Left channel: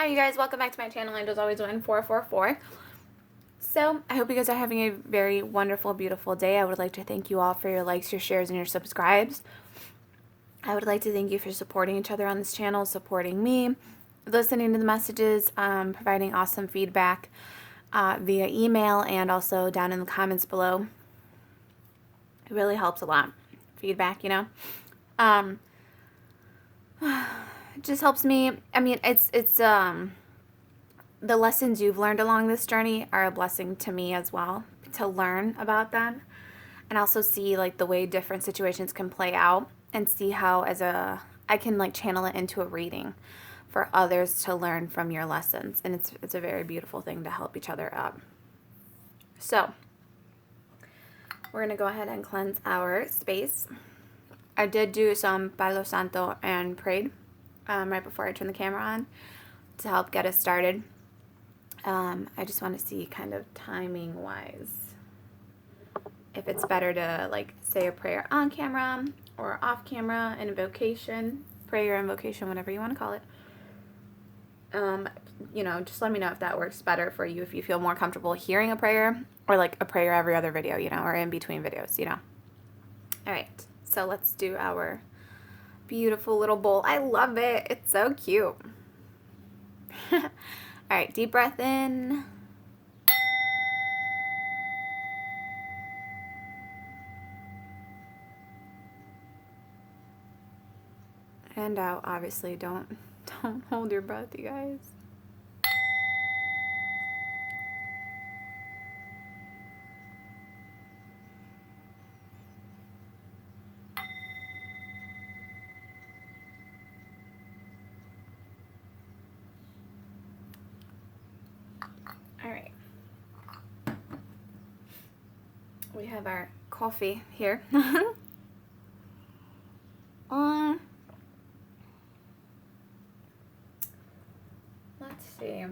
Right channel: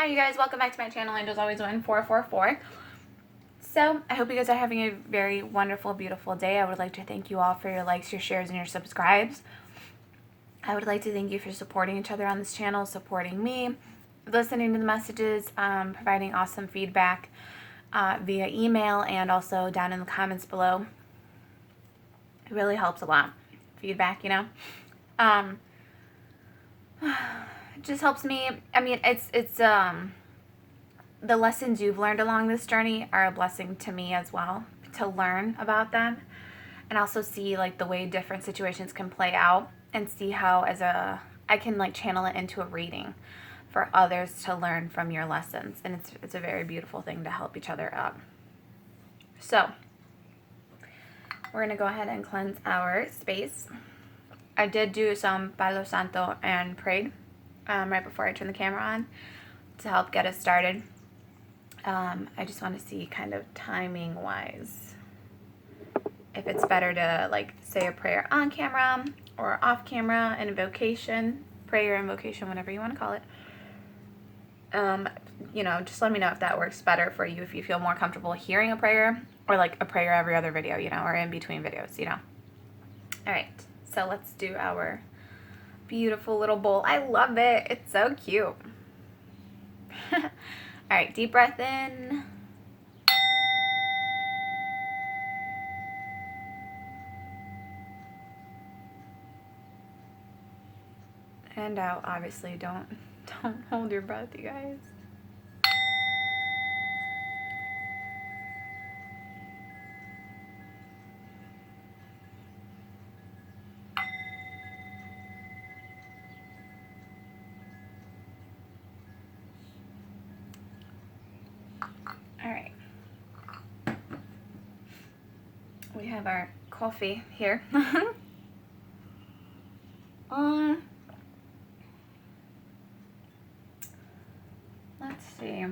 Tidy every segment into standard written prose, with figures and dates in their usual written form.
Hi you guys, welcome back to my channel, Angels Always Win 444. So, I hope you guys are having a very wonderful, beautiful day. I would like to thank you all for your likes, your shares, and your subscribes. I would like to thank you for supporting each other on this channel, supporting me, listening to the messages, providing awesome feedback via email and also down in the comments below. It really helps a lot. Feedback, you know. It just helps me. I mean, it's the lessons you've learned along this journey are a blessing to me as well, to learn about them and also see like the way different situations can play out and see how I can like channel it into a reading for others to learn from your lessons. And it's a very beautiful thing to help each other up. So we're going to go ahead and cleanse our space. I did do some Palo Santo and prayed right before I turned the camera on to help get us started. I just want to see kind of timing wise if it's better to like say a prayer on camera or off camera, an invocation, prayer, invocation, whatever you want to call it. You know, just let me know if that works better for you, if you feel more comfortable hearing a prayer or like a prayer every other video, you know, or in between videos, you know. All right, so let's do our beautiful little bowl. I love it. It's so cute. All right, deep breath in. And out. Obviously, don't hold your breath, you guys. All right. We have our coffee here. Let's see.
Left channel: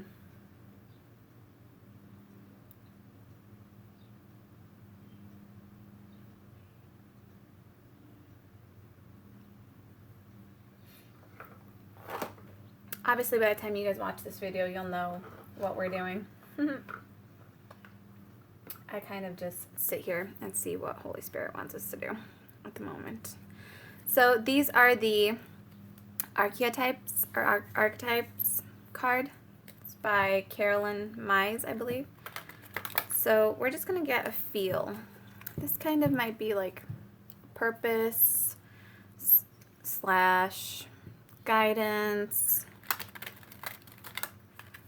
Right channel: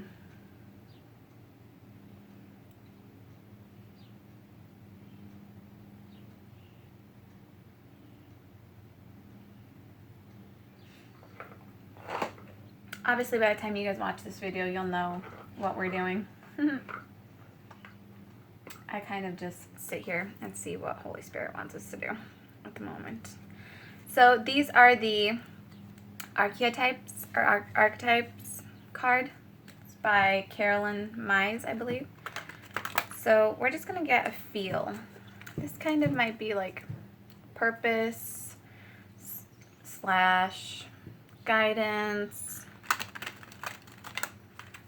Obviously, by the time you guys watch this video, you'll know what we're doing. I kind of just sit here and see what Holy Spirit wants us to do at the moment. So these are the Archetypes or Archetypes card. It's by Carolyn Mize, I believe. So we're just going to get a feel. This kind of might be like purpose / guidance.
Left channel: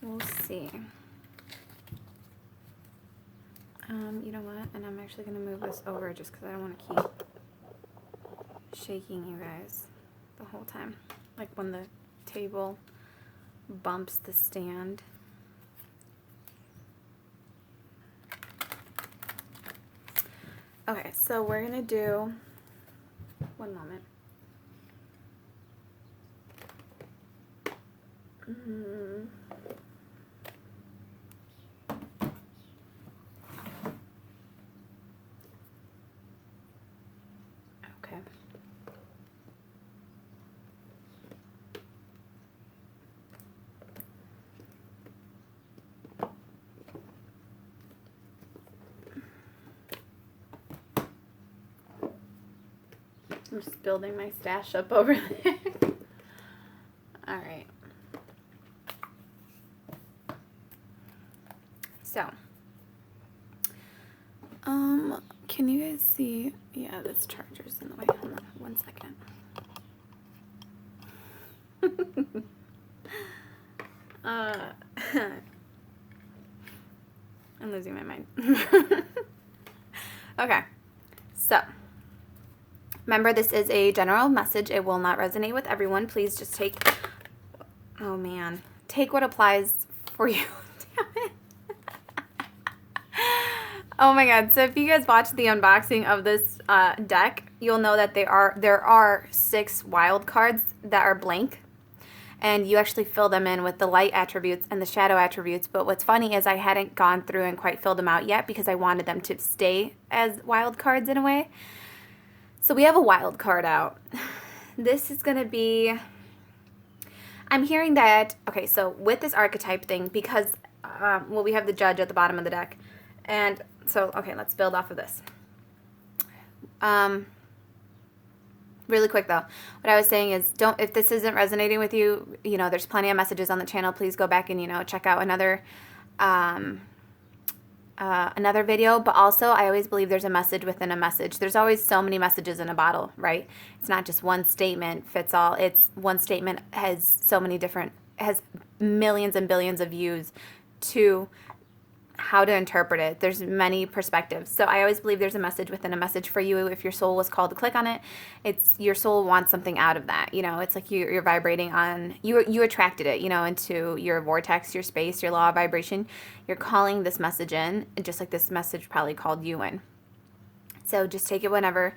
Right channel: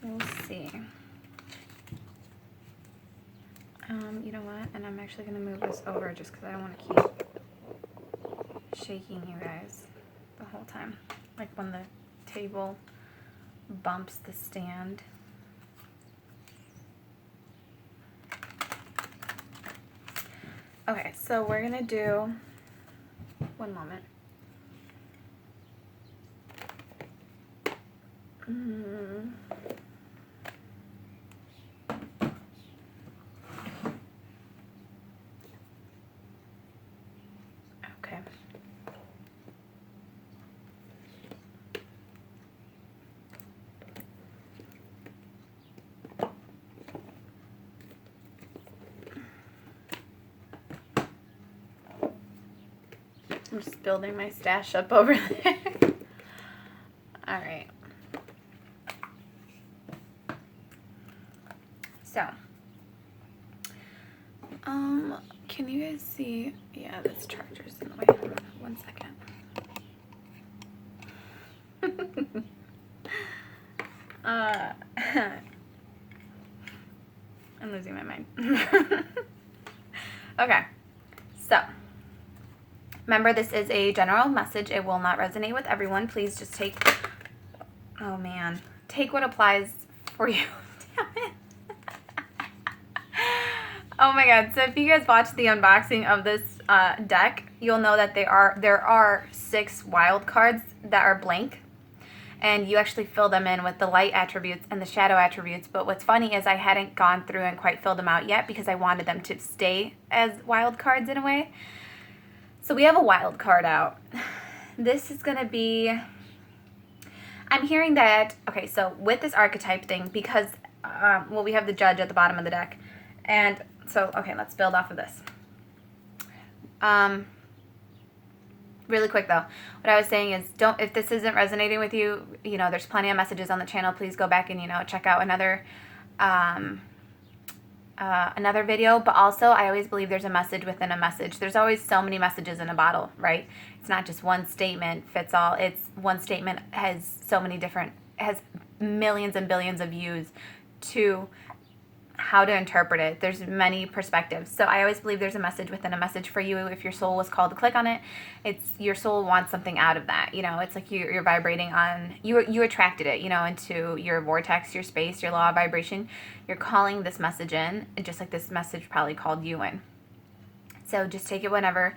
We'll see. You know what? And I'm actually going to move this over just because I don't want to keep shaking you guys the whole time. Like when the table bumps the stand. Okay, so we're going to do, one moment. Okay. I'm just building my stash up over there. All right. So, can you guys see? Yeah, this charger's in the way. 1 second. I'm losing my mind. Okay, so remember, this is a general message. It will not resonate with everyone. Please just take, oh man, take what applies for you. Damn it. Oh my god, so if you guys watch the unboxing of this deck, you'll know that there are 6 wild cards that are blank. And you actually fill them in with the light attributes and the shadow attributes. But what's funny is I hadn't gone through and quite filled them out yet because I wanted them to stay as wild cards in a way. So we have a wild card out. This is going to be, I'm hearing that, okay, so with this archetype thing, because, well, we have the judge at the bottom of the deck. And so, okay, let's build off of this. Really quick though, what I was saying is, if this isn't resonating with you, you know, there's plenty of messages on the channel. Please go back and, you know, check out another video. But also, I always believe there's a message within a message. There's always so many messages in a bottle, right? It's not just one statement fits all. It's one statement has so many different, has millions and billions of views to how to interpret it. There's many perspectives. So I always believe there's a message within a message for you. If your soul was called to click on it, it's your soul wants something out of that. You know, it's like you're vibrating on, you attracted it, you know, into your vortex, your space, your law of vibration. You're calling this message in, just like this message probably called you in. So just take it whenever.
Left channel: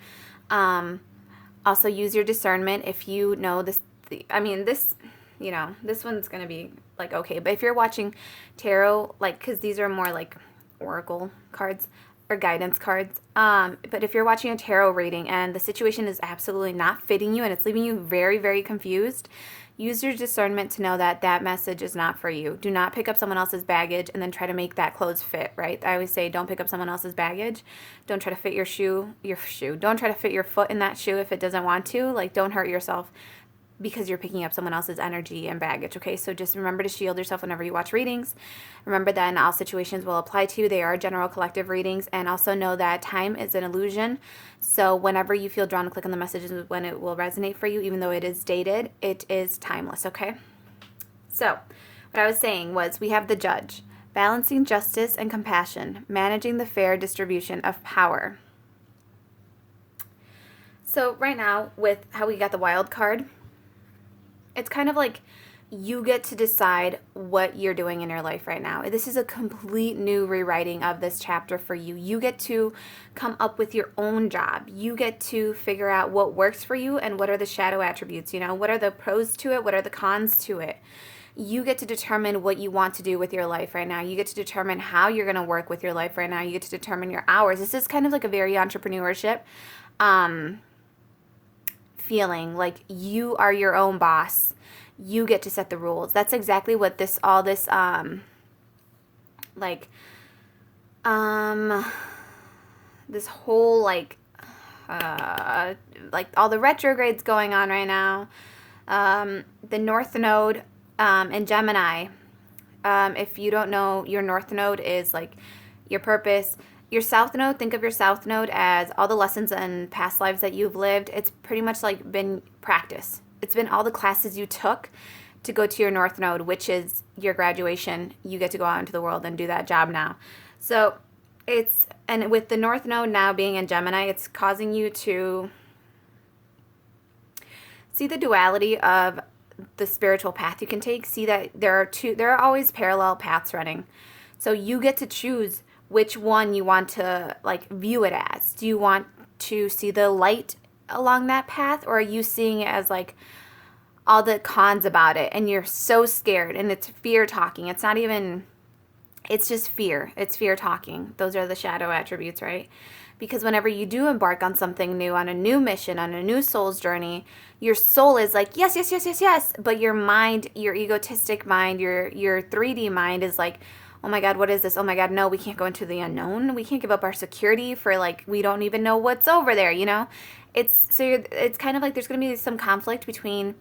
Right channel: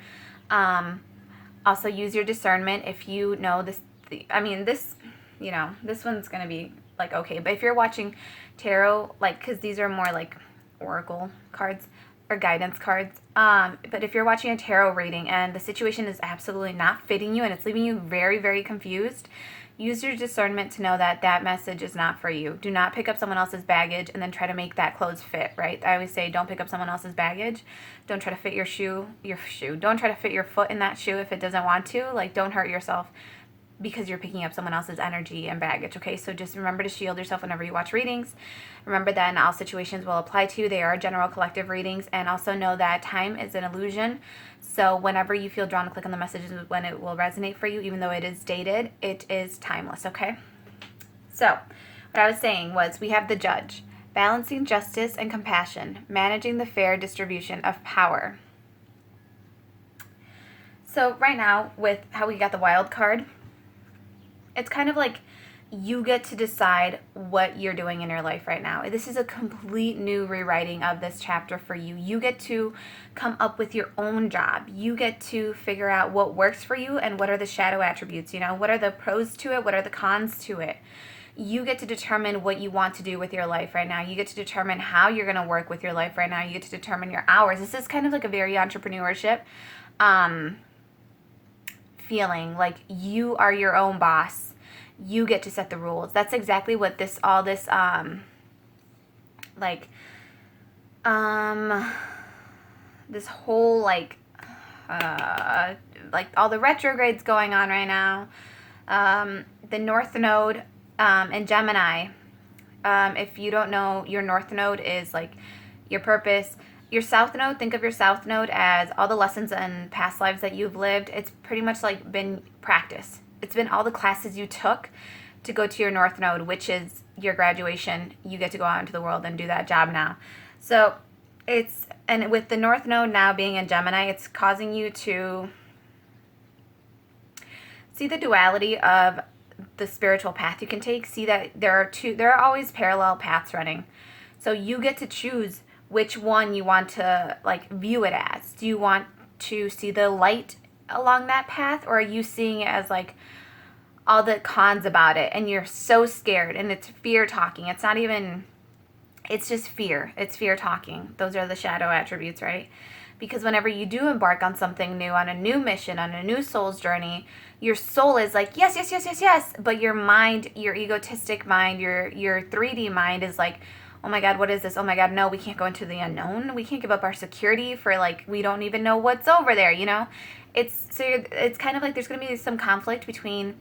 Also use your discernment. If you know this, this, you know, this one's going to be like, okay, but if you're watching tarot, like, because these are more like oracle cards or guidance cards, but if you're watching a tarot reading and the situation is absolutely not fitting you and it's leaving you very, very confused, use your discernment to know that that message is not for you. Do not pick up someone else's baggage and then try to make that clothes fit, right? I always say, don't pick up someone else's baggage. Don't try to fit your shoe. Don't try to fit your foot in that shoe if it doesn't want to. Like, don't hurt yourself because you're picking up someone else's energy and baggage, okay? So just remember to shield yourself whenever you watch readings. Remember that all situations will apply to you. They are general collective readings. And also know that time is an illusion. So whenever you feel drawn to click on the messages when it will resonate for you, even though it is dated, it is timeless, okay? So what I was saying was we have the judge, balancing justice and compassion, managing the fair distribution of power. So right now, with how we got the wild card, it's kind of like you get to decide what you're doing in your life right now. This is a complete new rewriting of this chapter for you. You get to come up with your own job. You get to figure out what works for you and what are the shadow attributes, you know, what are the pros to it, what are the cons to it. You get to determine what you want to do with your life right now. You get to determine how you're going to work with your life right now. You get to determine your hours. This is kind of like a very entrepreneurship feeling, like you are your own boss. You get to set the rules. That's exactly what this whole like all the retrogrades going on right now. The North Node in Gemini. If you don't know, your North Node is like your purpose. Your South Node, think of your South Node as all the lessons and past lives that you've lived. It's pretty much like been practice. It's been all the classes you took to go to your North Node, which is your graduation. You get to go out into the world and do that job now. So and with the North Node now being in Gemini, it's causing you to see the duality of the spiritual path you can take. See that there are always parallel paths running. So you get to choose which one you want to like view it as. Do you want to see the light along that path, or are you seeing it as like all the cons about it and you're so scared and it's fear talking? It's not even, it's just fear. It's fear talking. Those are the shadow attributes, right? Because whenever you do embark on something new, on a new mission, on a new soul's journey, your soul is like, yes, yes, yes, yes, yes. But your mind, your egotistic mind, your 3D mind is like, oh my God, what is this? Oh my God, no, we can't go into the unknown. We can't give up our security for like, we don't even know what's over there, you know? It's kind of like there's going to be some conflict between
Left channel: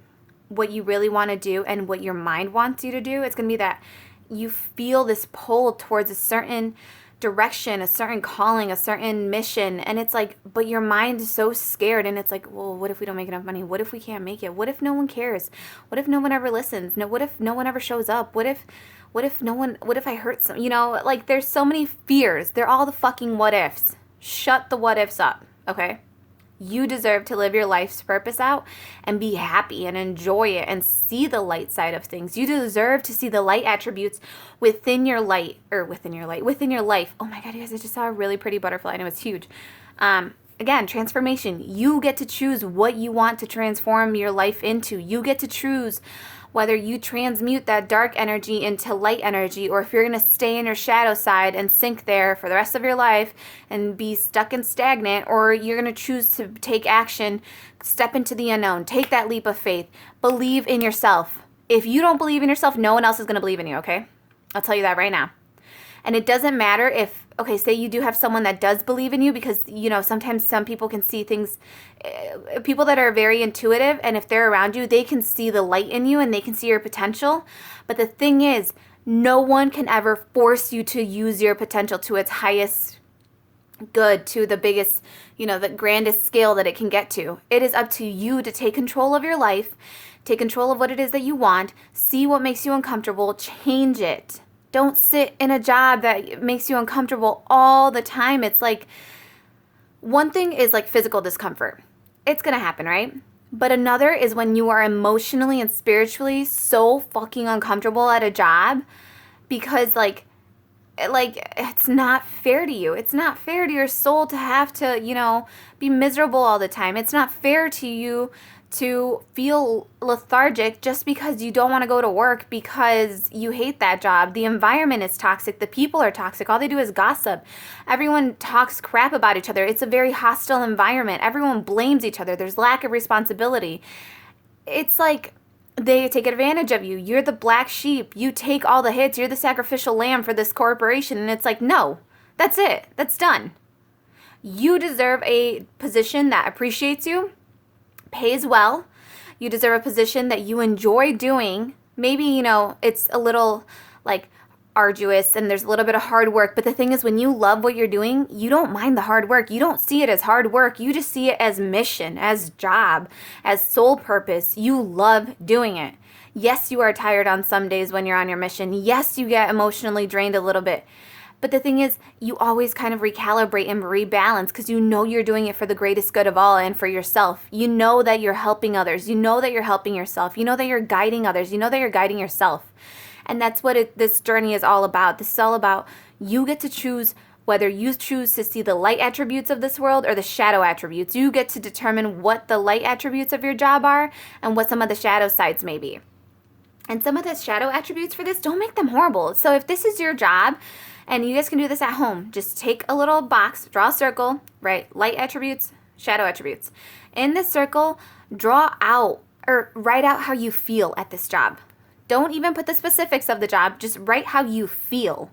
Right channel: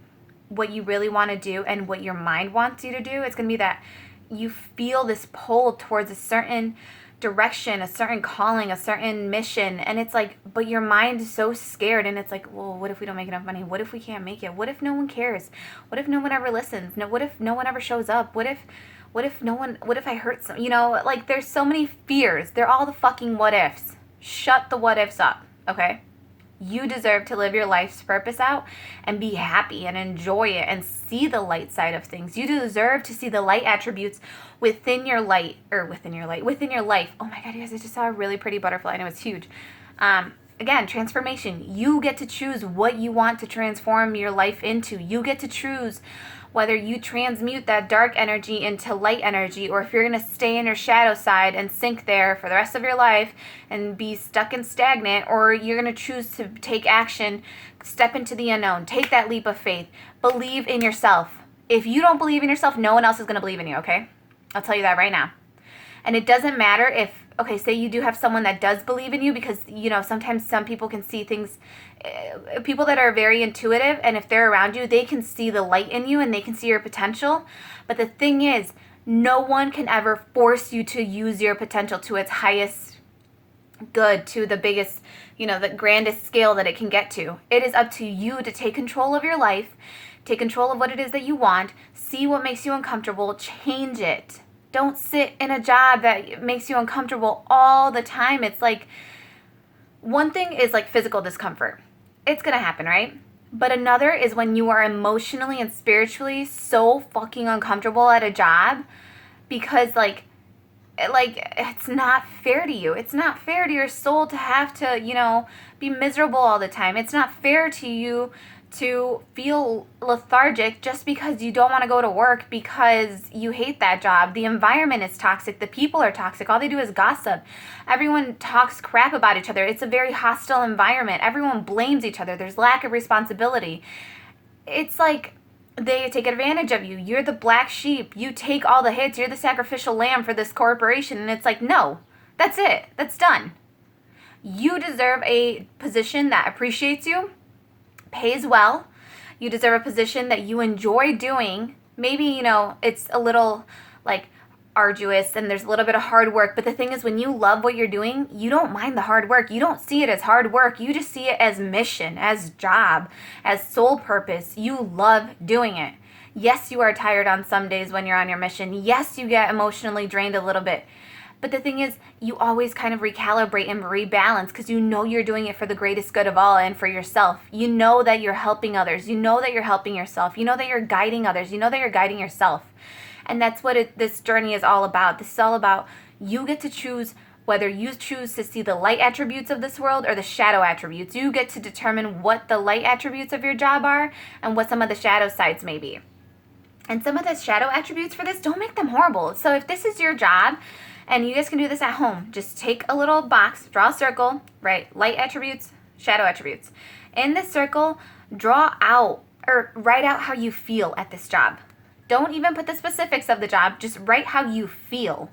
what you really want to do and what your mind wants you to do. It's going to be that you feel this pull towards a certain direction, a certain calling, a certain mission. And it's like, but your mind is so scared. And it's like, well, what if we don't make enough money? What if we can't make it? What if no one cares? What if no one ever listens? No, what if no one ever shows up? What if I hurt some, you know, like there's so many fears. They're all the fucking what ifs. Shut the what ifs up. Okay. You deserve to live your life's purpose out and be happy and enjoy it and see the light side of things. You deserve to see the light attributes within your life. Oh my God, you guys, I just saw a really pretty butterfly and it was huge. Again, transformation. You get to choose what you want to transform your life into. You get to choose whether you transmute that dark energy into light energy, or if you're going to stay in your shadow side and sink there for the rest of your life and be stuck and stagnant, or you're going to choose to take action, step into the unknown, take that leap of faith, believe in yourself. If you don't believe in yourself, no one else is going to believe in you, okay? I'll tell you that right now. And it doesn't matter if, okay, say you do have someone that does believe in you, because, you know, sometimes some people can see things, people that are very intuitive, and if they're around you, they can see the light in you and they can see your potential. But the thing is, no one can ever force you to use your potential to its highest good, to the biggest, you know, the grandest scale that it can get to. It is up to you to take control of your life, take control of what it is that you want, see what makes you uncomfortable, change it. Don't sit in a job that makes you uncomfortable all the time. It's like, one thing is like physical discomfort. It's going to happen, right? But another is when you are emotionally and spiritually so fucking uncomfortable at a job because like it's not fair to you. It's not fair to your soul to have to, you know, be miserable all the time. It's not fair to you to feel lethargic just because you don't want to go to work because you hate that job. The environment is toxic. The people are toxic. All they do is gossip. Everyone talks crap about each other. It's a very hostile environment. Everyone blames each other. There's lack of responsibility. It's like they take advantage of you. You're the black sheep. You take all the hits. You're the sacrificial lamb for this corporation. And it's like, no, that's it. That's done. You deserve a position that appreciates you, pays well. You deserve a position that you enjoy doing. Maybe, you know, it's a little like arduous and there's a little bit of hard work. But the thing is, when you love what you're doing, you don't mind the hard work. You don't see it as hard work. You just see it as mission, as job, as sole purpose. You love doing it. Yes, you are tired on some days when you're on your mission. Yes, you get emotionally drained a little bit. But the thing is, you always kind of recalibrate and rebalance because you know you're doing it for the greatest good of all and for yourself. You know that you're helping others. You know that you're helping yourself. You know that you're guiding others. You know that you're guiding yourself. And that's what this journey is all about. This is all about you get to choose whether you choose to see the light attributes of this world or the shadow attributes. You get to determine what the light attributes of your job are and what some of the shadow sides may be. And some of the shadow attributes for this, don't make them horrible. So if this is your job, and you guys can do this at home, just take a little box, draw a circle, write light attributes, shadow attributes. In this circle, draw out or write out how you feel at this job. Don't even put the specifics of the job, just write how you feel.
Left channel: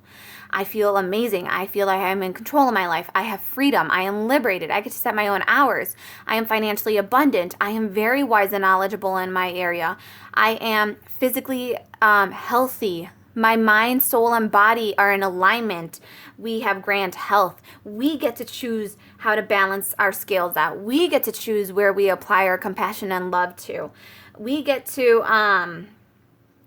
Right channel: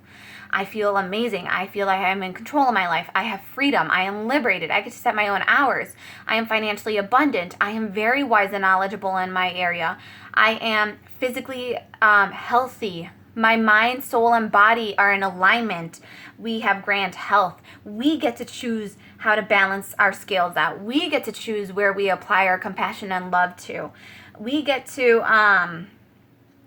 I feel amazing. I feel like I am in control of my life. I have freedom. I am liberated. I get to set my own hours. I am financially abundant. I am very wise and knowledgeable in my area. I am physically healthy. My mind, soul, and body are in alignment. We have grand health. We get to choose how to balance our scales out. We get to choose where we apply our compassion and love to. We get to,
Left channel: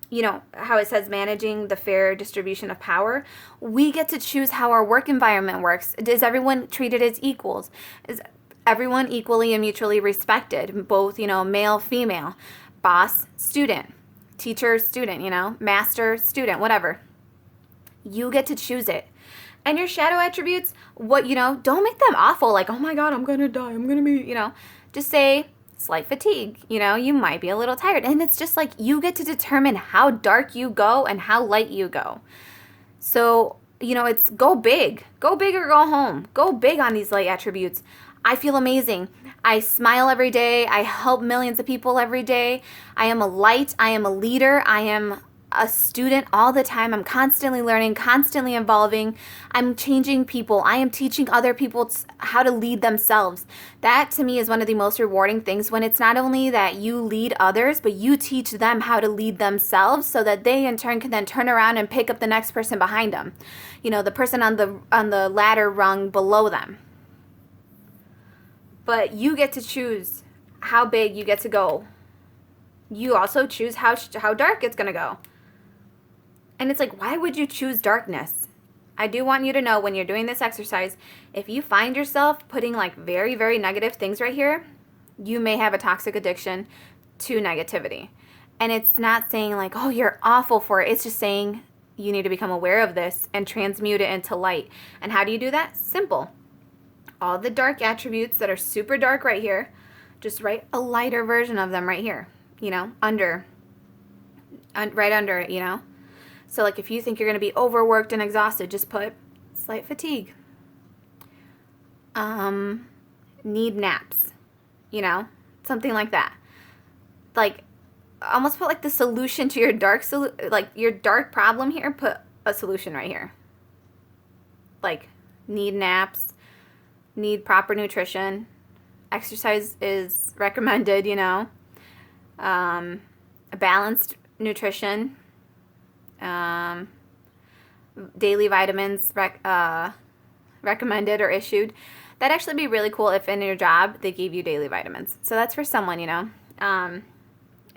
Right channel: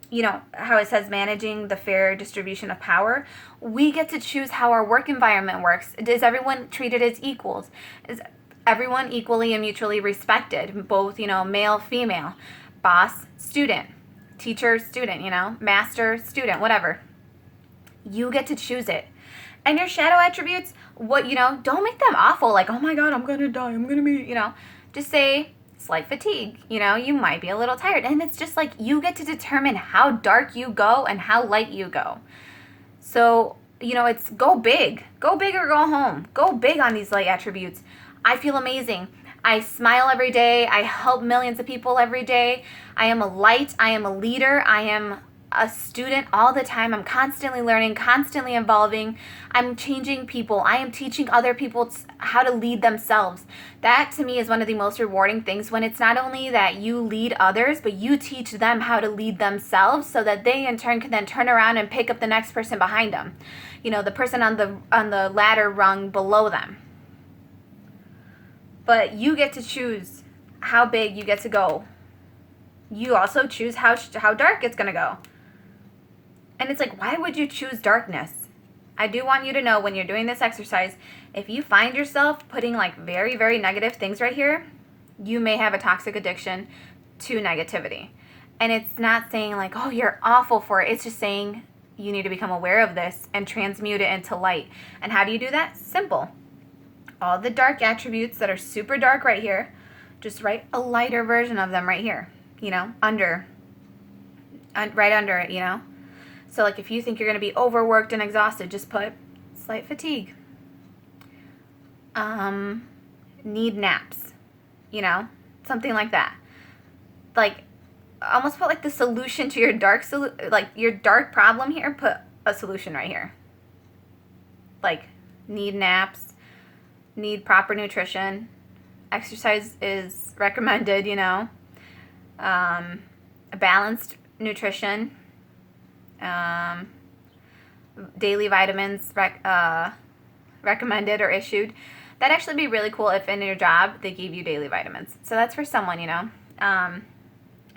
you know, how it says managing the fair distribution of power. We get to choose how our work environment works. Is everyone treated as equals? Is everyone equally and mutually respected? Both, you know, male, female, boss, student. Teacher, student, you know, master, student, whatever. You get to choose it. And your shadow attributes, what, you know, don't make them awful. Like, oh my God, I'm going to die. I'm going to be, you know, just say slight fatigue. You know, you might be a little tired. And it's just like you get to determine how dark you go and how light you go. So, you know, it's go big. Go big or go home. Go big on these light attributes. I feel amazing. I smile every day. I help millions of people every day. I am a light. I am a leader. I am a student all the time. I'm constantly learning, constantly evolving. I'm changing people. I am teaching other people how to lead themselves. That to me is one of the most rewarding things, when it's not only that you lead others, but you teach them how to lead themselves so that they in turn can then turn around and pick up the next person behind them. You know, the person on the ladder rung below them. But you get to choose how big you get to go. You also choose how dark it's going to go. And it's like, why would you choose darkness? I do want you to know, when you're doing this exercise, if you find yourself putting like very, very negative things right here, you may have a toxic addiction to negativity. And it's not saying like, oh, you're awful for it. It's just saying you need to become aware of this and transmute it into light. And how do you do that? Simple. All the dark attributes that are super dark right here, just write a lighter version of them right here, you know, right under it, you know. So like if you think you're going to be overworked and exhausted, just put slight fatigue. Need naps, you know, something like that. Like almost put like the solution to your like your dark problem here, put a solution right here. Like, need naps, need proper nutrition, exercise is recommended, you know, balanced nutrition, daily vitamins recommended or issued. That'd actually be really cool if in your job they gave you daily vitamins. So that's for someone, you know.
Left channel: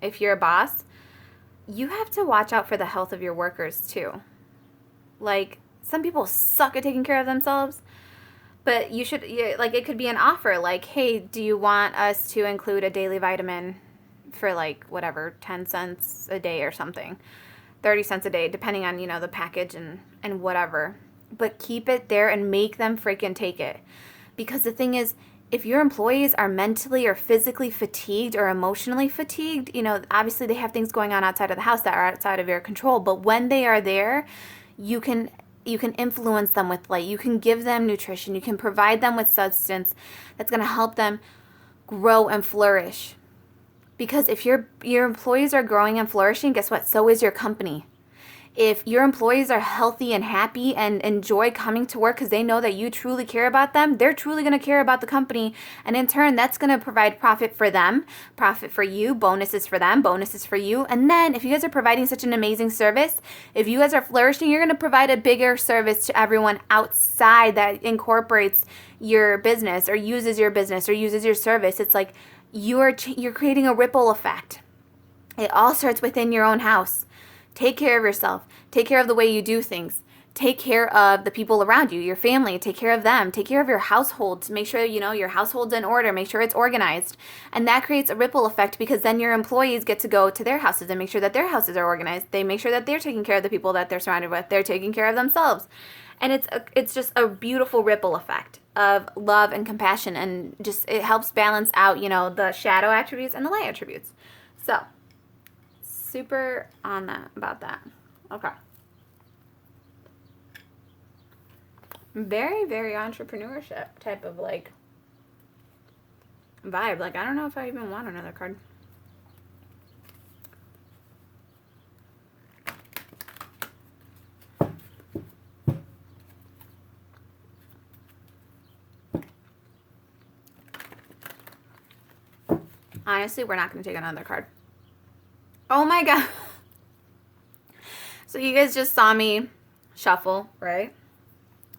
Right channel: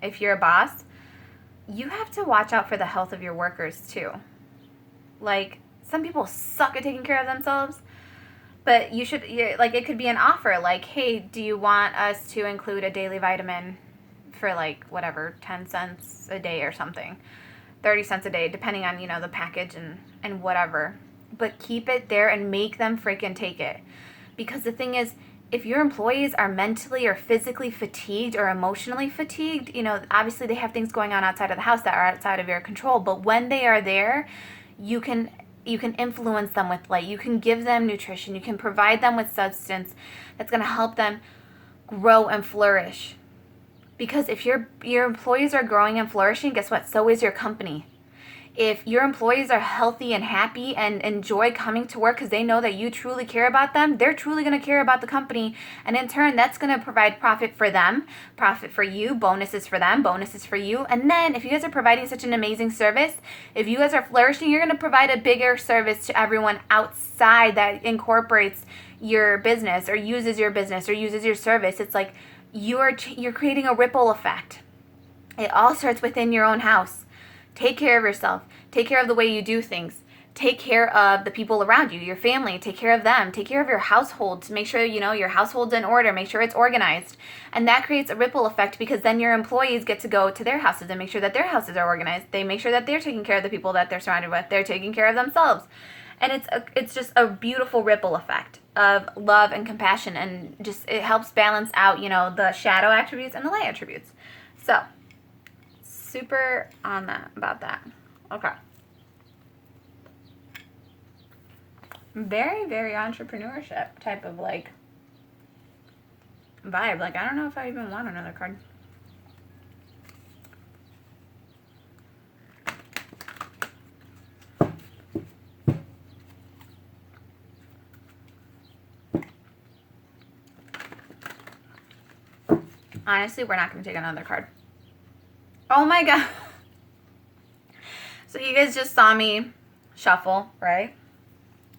If you're a boss, you have to watch out for the health of your workers too. Like, some people suck at taking care of themselves, but you should, like, it could be an offer, like, hey, do you want us to include a daily vitamin for, like, whatever, 10 cents a day or something, 30 cents a day, depending on, you know, the package and whatever. But keep it there and make them freaking take it. Because the thing is, if your employees are mentally or physically fatigued or emotionally fatigued, you know, obviously they have things going on outside of the house that are outside of your control. But when they are there, you can influence them with light. You can give them nutrition. You can provide them with substance that's going to help them grow and flourish. Because if your employees are growing and flourishing, guess what? So is your company. If your employees are healthy and happy and enjoy coming to work because they know that you truly care about them, they're truly going to care about the company. And in turn, that's going to provide profit for them, profit for you, bonuses for them, bonuses for you. And then if you guys are providing such an amazing service, if you guys are flourishing, you're going to provide a bigger service to everyone outside that incorporates your business or uses your business or uses your service. It's like you're creating a ripple effect. It all starts within your own house. Take care of yourself. Take care of the way you do things. Take care of the people around you, your family. Take care of them. Take care of your household to make sure, you know, your household's in order. Make sure it's organized. And that creates a ripple effect because then your employees get to go to their houses and make sure that their houses are organized. They make sure that they're taking care of the people that they're surrounded with. They're taking care of themselves. And it's just a beautiful ripple effect of love and compassion. And just it helps balance out, you know, the shadow attributes and the light attributes. So, super on that about that. Okay. Very, very entrepreneurship type of like vibe. Like, I don't know if I even want another card. Honestly, we're not going to take another card. Oh my god. So you guys just saw me shuffle, right?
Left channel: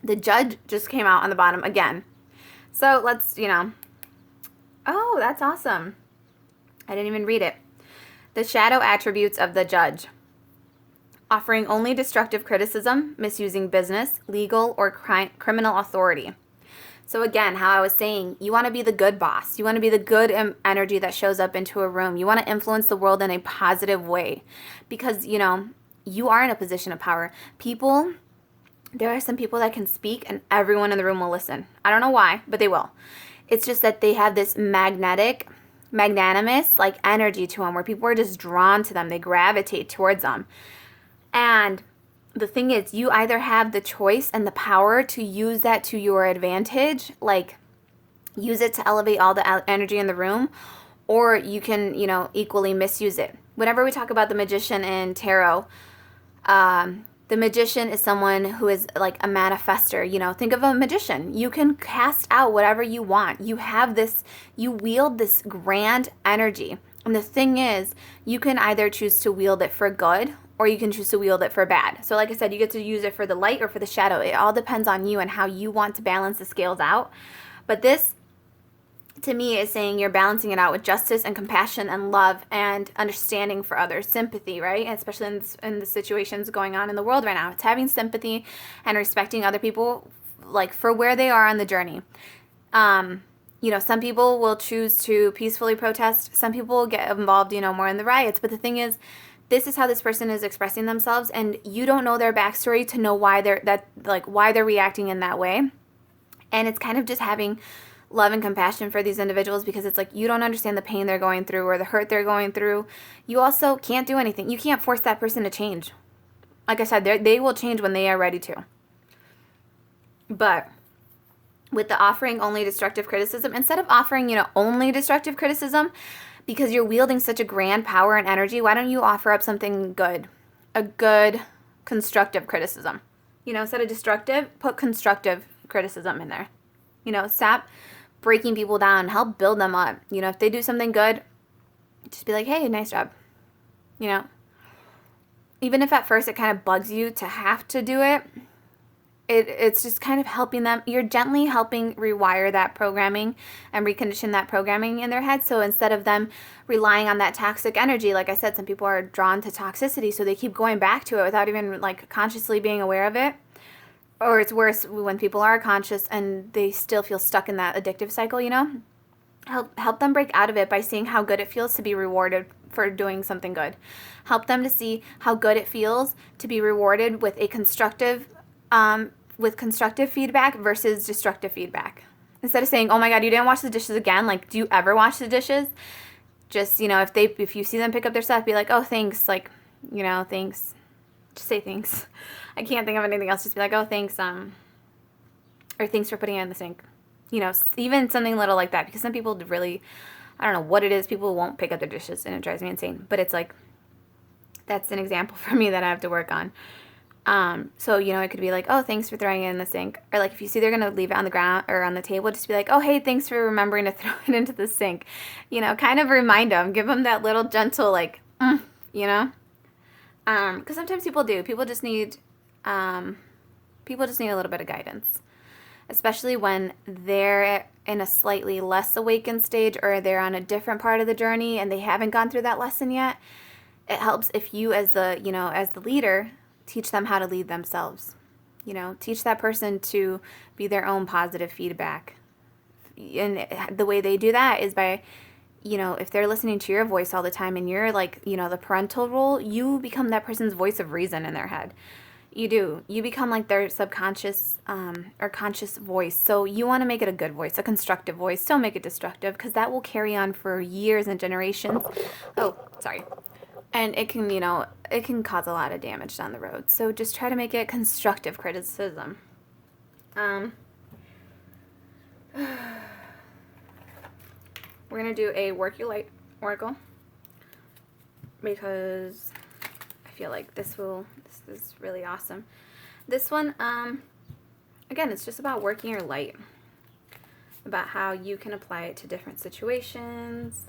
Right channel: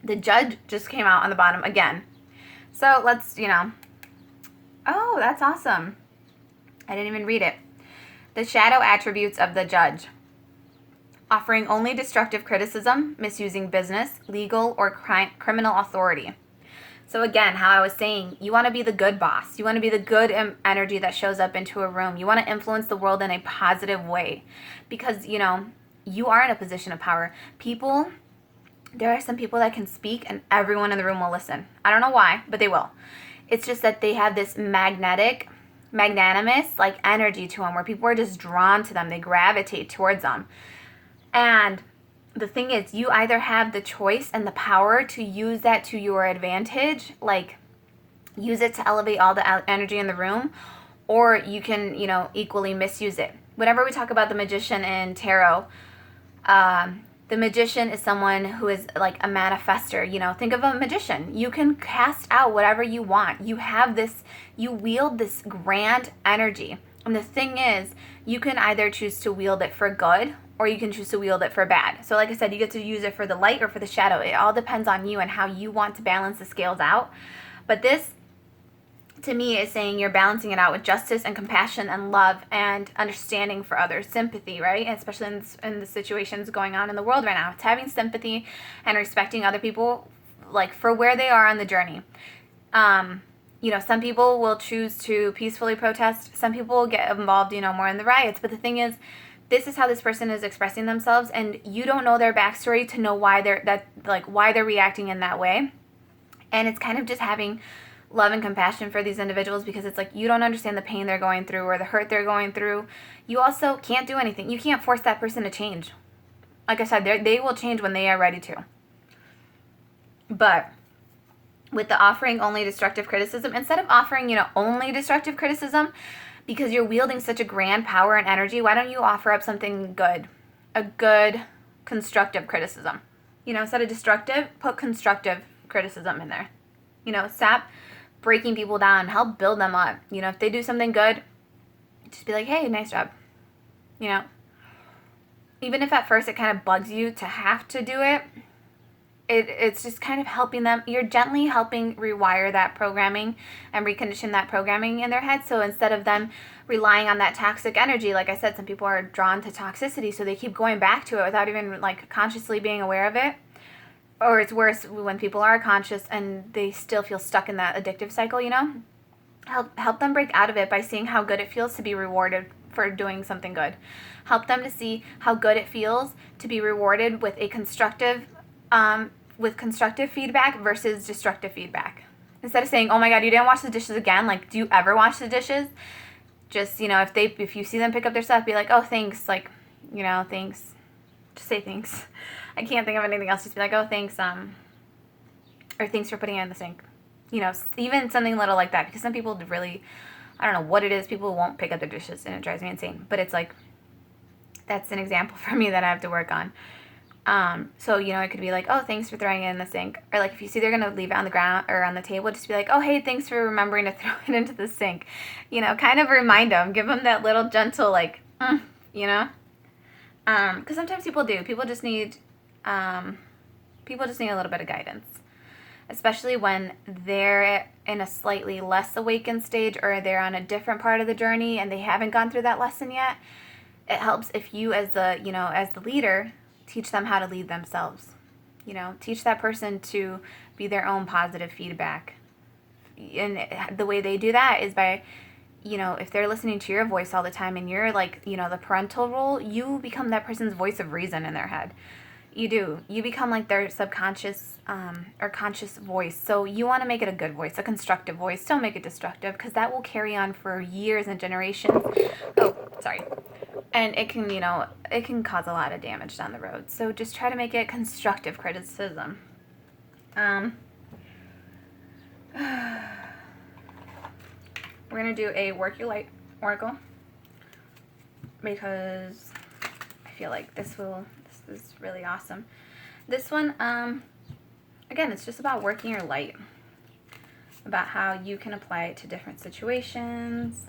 The Judge just came out on the bottom again. So let's, you know. Oh, that's awesome. I didn't even read it. The shadow attributes of the Judge. Offering only destructive criticism, misusing business, legal, or criminal authority. So again, how I was saying, you want to be the good boss. You want to be the good energy that shows up into a room. You want to influence the world in a positive way because, you know, you are in a position of power. There are some people that can speak and everyone in the room will listen. I don't know why, but they will. It's just that they have this magnanimous, like energy to them where people are just drawn to them. They gravitate towards them. And the thing is, you either have the choice and the power to use that to your advantage, like use it to elevate all the energy in the room, or you can, you know, equally misuse it. Whenever we talk about the magician in tarot, the magician is someone who is like a manifester. You know, think of a magician. You can cast out whatever you want. You wield this grand energy. And the thing is, you can either choose to wield it for good or you can choose to wield it for bad. So like I said, you get to use it for the light or for the shadow. It all depends on you and how you want to balance the scales out. But this, to me, is saying you're balancing it out with justice and compassion and love and understanding for others, sympathy, right? Especially in the situations going on in the world right now. It's having sympathy and respecting other people, like, for where they are on the journey. You know, some people will choose to peacefully protest. Some people will get involved, you know, more in the riots. But the thing is, this is how this person is expressing themselves, and you don't know their backstory to know why they're reacting in that way. And it's kind of just having love and compassion for these individuals because it's like you don't understand the pain they're going through or the hurt they're going through. You also can't do anything. You can't force that person to change. Like I said, they will change when they are ready to. But with the offering only destructive criticism, instead of offering, you know, only destructive criticism, because you're wielding such a grand power and energy, why don't you offer up something good? A good constructive criticism. Instead of destructive, put constructive criticism in there. Stop breaking people down. Help build them up. If they do something good, just be like, hey, nice job. Even if at first it kind of bugs you to have to do it, it's just kind of helping them. You're gently helping rewire that programming and recondition that programming in their head. So instead of them relying on that toxic energy, like I said, some people are drawn to toxicity, so they keep going back to it without even like consciously being aware of it. Or it's worse when people are conscious and they still feel stuck in that addictive cycle, Help them break out of it by seeing how good it feels to be rewarded for doing something good. Help them to see how good it feels to be rewarded with a constructive feedback versus destructive feedback. Instead of saying, oh my God, you didn't wash the dishes again. Like, do you ever wash the dishes? Just, if you see them pick up their stuff, be like, oh, thanks. Like, thanks. Just say thanks. I can't think of anything else. Just be like, oh, thanks. Or thanks for putting it in the sink. Even something little like that. Because some people really, I don't know what it is. People won't pick up their dishes and it drives me insane. But it's like, that's an example for me that I have to work on. So, it could be like, oh, thanks for throwing it in the sink. Or like if you see they're going to leave it on the ground or on the table, just be like, oh, hey, thanks for remembering to throw it into the sink. Kind of remind them, give them that little gentle, like, because sometimes people do. People just need a little bit of guidance, especially when they're in a slightly less awakened stage or they're on a different part of the journey and they haven't gone through that lesson yet. It helps if you as the leader, teach them how to lead themselves. Teach that person to be their own positive feedback. And the way they do that is by, if they're listening to your voice all the time and you're like, the parental role, you become that person's voice of reason in their head. You do. You become like their subconscious or conscious voice. So you want to make it a good voice, a constructive voice. Don't make it destructive because that will carry on for years and generations. Oh, sorry. And it can cause a lot of damage down the road. So just try to make it constructive criticism. We're going to do a Work Your Light oracle because I feel like this is really awesome. This one, again, it's just about working your light, about how you can apply it to different situations.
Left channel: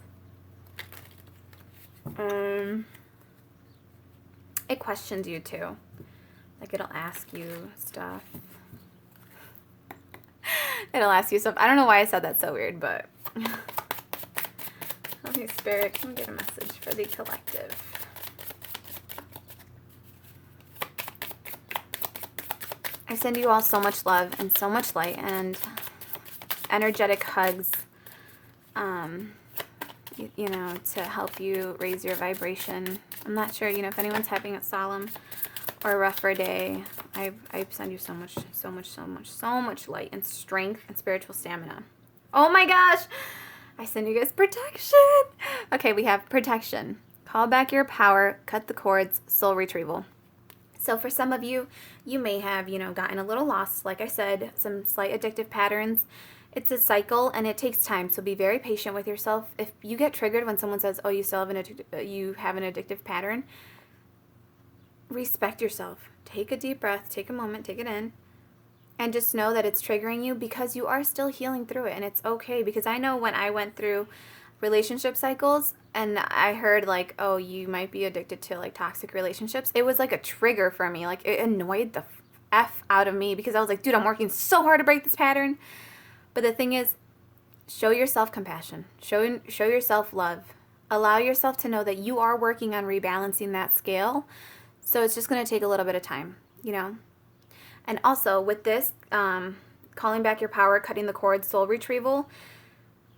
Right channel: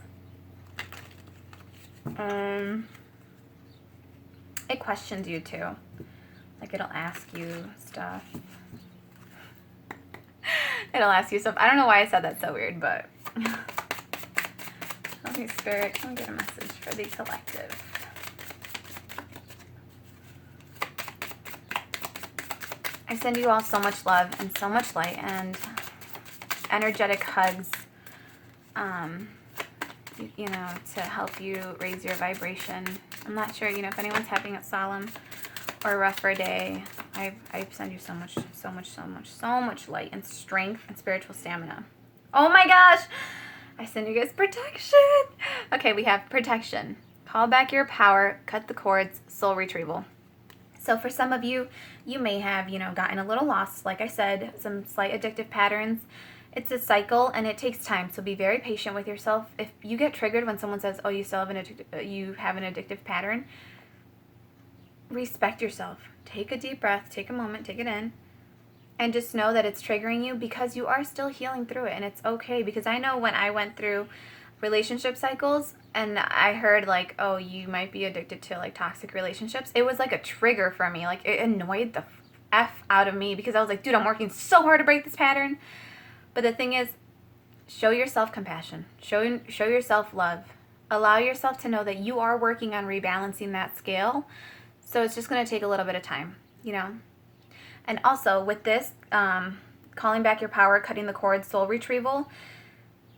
It questions you too. Like it'll ask you stuff. It'll ask you stuff. I don't know why I said that so weird, but okay, Spirit, can we get a message for the collective? I send you all so much love and so much light and energetic hugs, to help you raise your vibration. I'm not sure, if anyone's having a solemn or a rougher day, I send you so much light and strength and spiritual stamina. Oh my gosh! I send you guys protection! Okay, we have protection. Call back your power, cut the cords, soul retrieval. So for some of you, you may have, gotten a little lost. Like I said, some slight addictive patterns. It's a cycle and it takes time. So be very patient with yourself. If you get triggered when someone says, oh, you still have an addictive pattern, respect yourself. Take a deep breath, take a moment, take it in, and just know that it's triggering you because you are still healing through it. And it's okay, because I know when I went through relationship cycles and I heard like, oh, you might be addicted to like toxic relationships, it was like a trigger for me. Like it annoyed the F out of me because I was like, dude, I'm working so hard to break this pattern. But the thing is, show yourself compassion, show yourself love, allow yourself to know that you are working on rebalancing that scale. So it's just going to take a little bit of time, And also with this, calling back your power, cutting the cords, soul retrieval,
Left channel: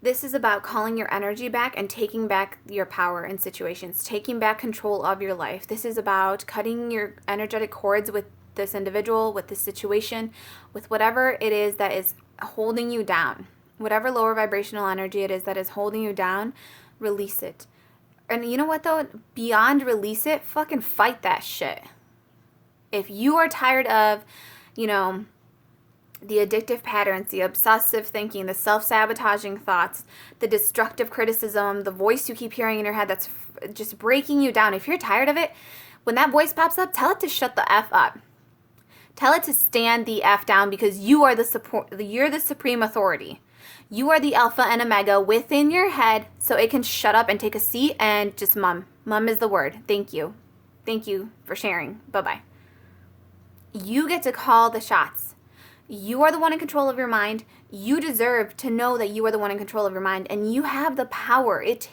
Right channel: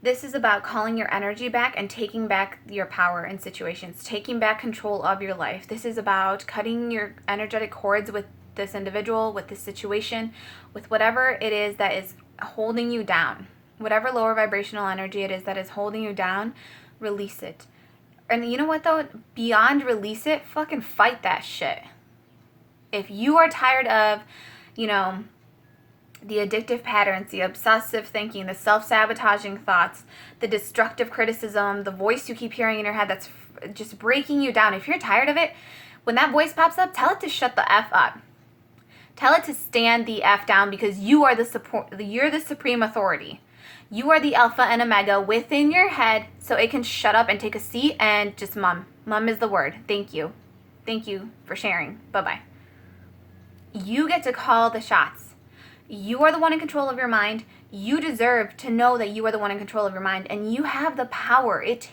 this is about calling your energy back and taking back your power in situations, taking back control of your life. This is about cutting your energetic cords with this individual, with this situation, with whatever it is that is holding you down. Whatever lower vibrational energy it is that is holding you down, release it. And you know what though? Beyond release it, fucking fight that shit. If you are tired of, the addictive patterns, the obsessive thinking, the self-sabotaging thoughts, the destructive criticism, the voice you keep hearing in your head that's just breaking you down. If you're tired of it, when that voice pops up, tell it to shut the F up. Tell it to stand the F down, because you're the supreme authority. You are the alpha and omega within your head, so it can shut up and take a seat and just mum. Mum is the word. Thank you. Thank you for sharing. Bye-bye. You get to call the shots. You are the one in control of your mind. You deserve to know that you are the one in control of your mind, and you have the power. It's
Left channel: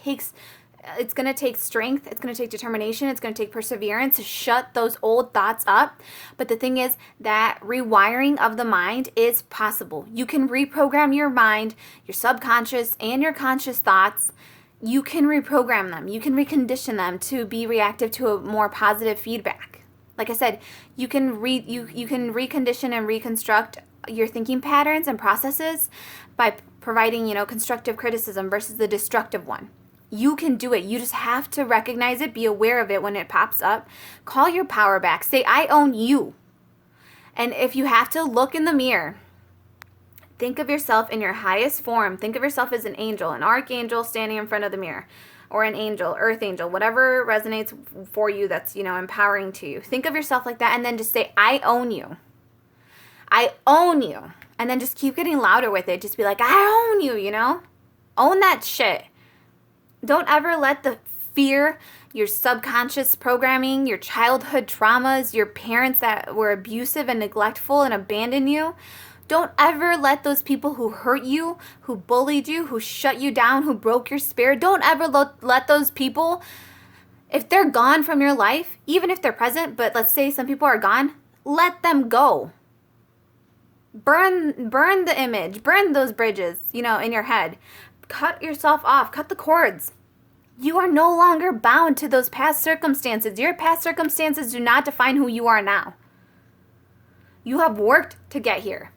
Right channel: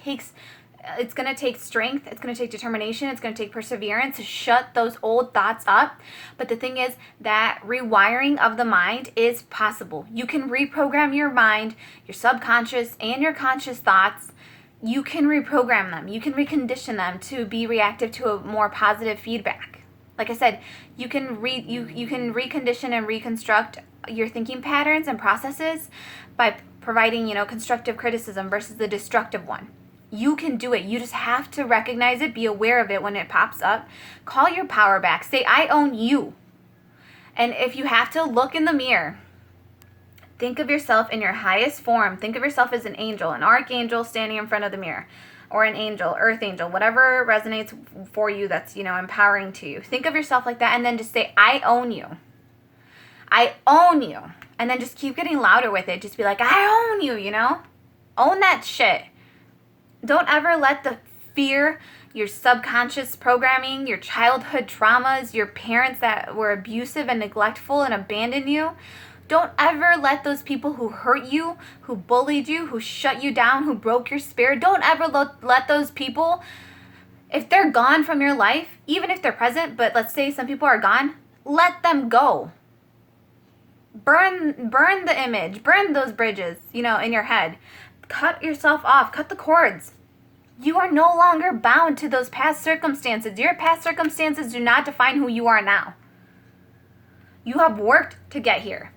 going to take strength. It's going to take determination. It's going to take perseverance to shut those old thoughts up. But the thing is that rewiring of the mind is possible. You can reprogram your mind, your subconscious and your conscious thoughts. You can reprogram them. You can recondition them to be reactive to a more positive feedback. Like I said, you can recondition and reconstruct your thinking patterns and processes by providing, constructive criticism versus the destructive one. You can do it. You just have to recognize it, be aware of it when it pops up. Call your power back. Say, I own you. And if you have to, look in the mirror. Think of yourself in your highest form. Think of yourself as an angel, an archangel standing in front of the mirror. Or an angel, earth angel, whatever resonates for you that's, empowering to you. Think of yourself like that, and then just say, I own you. I own you. And then just keep getting louder with it. Just be like, I own you, Own that shit. Don't ever let the fear, your subconscious programming, your childhood traumas, your parents that were abusive and neglectful and abandoned you, don't ever let those people who hurt you, who bullied you, who shut you down, who broke your spirit, don't ever let those people, if they're gone from your life, even if they're present, but let's say some people are gone, let them go. Burn the image, burn those bridges, in your head. Cut yourself off, cut the cords. You are no longer bound to those past circumstances. Your past circumstances do not define who you are now. You have worked to get here.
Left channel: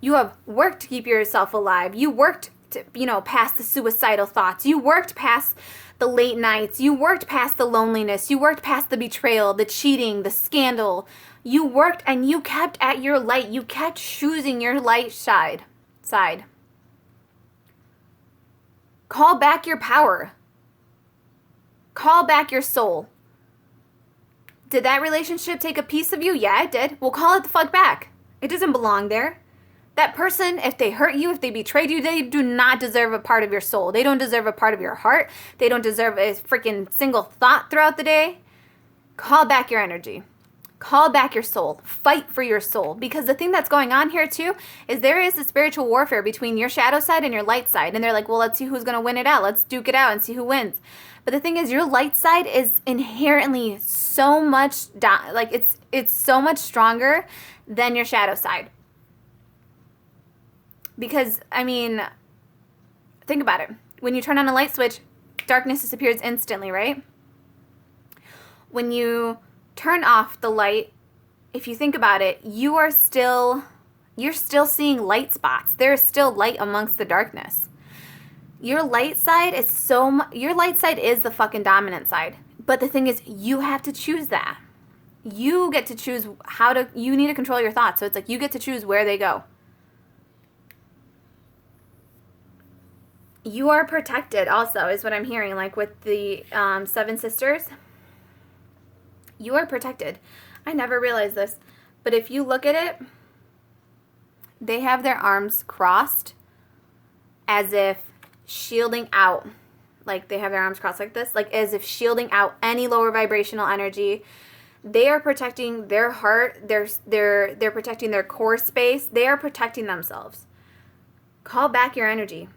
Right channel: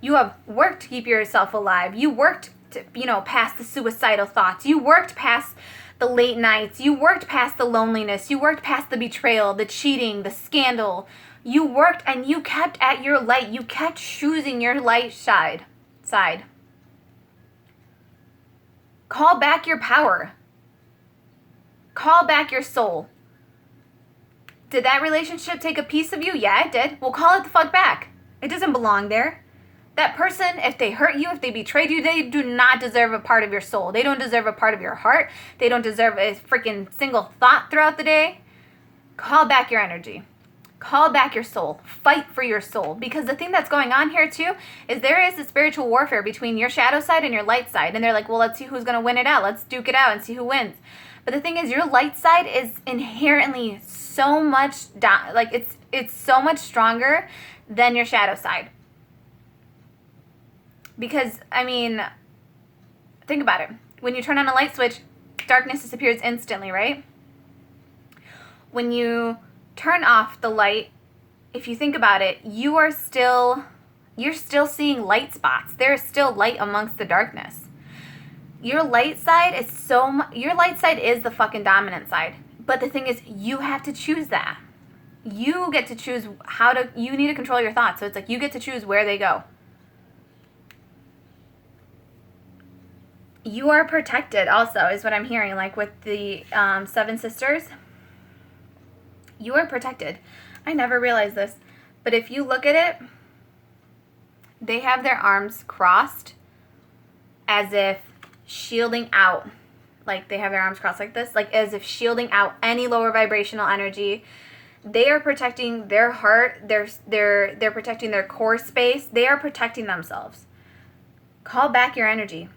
You have worked to keep yourself alive. You worked to, past the suicidal thoughts. You worked past the late nights. You worked past the loneliness. You worked past the betrayal, the cheating, the scandal. You worked and you kept at your light. You kept choosing your light side. Call back your power. Call back your soul. Did that relationship take a piece of you? Yeah, it did. Well, call it the fuck back. It doesn't belong there. That person, if they hurt you, if they betrayed you, they do not deserve a part of your soul. They don't deserve a part of your heart. They don't deserve a freaking single thought throughout the day. Call back your energy. Call back your soul. Fight for your soul. Because the thing that's going on here too is there is a spiritual warfare between your shadow side and your light side. And they're like, well, let's see who's going to win it out. Let's duke it out and see who wins. But the thing is, your light side is inherently so much, it's so much stronger than your shadow side. Because, think about it. When you turn on a light switch, darkness disappears instantly, right? When you turn off the light, if you think about it, you're still seeing light spots. There's still light amongst the darkness. Your light side is the fucking dominant side. But the thing is, you have to choose that. You get to choose you need to control your thoughts. So it's like you get to choose where they go. You are protected also, is what I'm hearing, like with the 7 sisters. You are protected. I never realized this. But if you look at it, they have their arms crossed as if shielding out. Like they have their arms crossed like this, like as if shielding out any lower vibrational energy. They are protecting their heart. They're protecting their core space. They are protecting themselves. Call back your energy.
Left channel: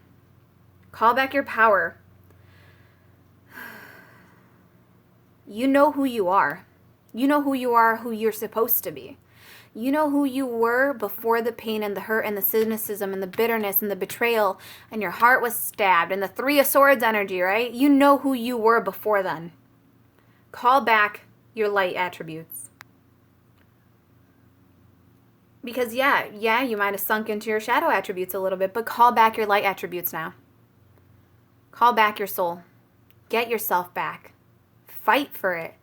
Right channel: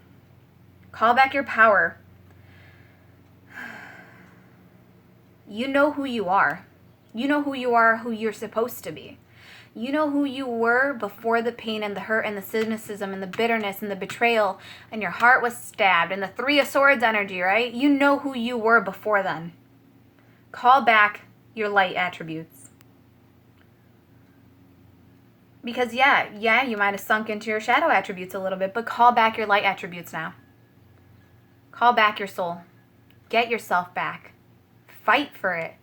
Call back your power. You know who you are. You know who you are, who you're supposed to be. You know who you were before the pain and the hurt and the cynicism and the bitterness and the betrayal and your heart was stabbed and the 3 of Swords energy, right? You know who you were before then. Call back your light attributes. Because yeah, you might have sunk into your shadow attributes a little bit, but call back your light attributes now. Call back your soul. Get yourself back. Fight for it.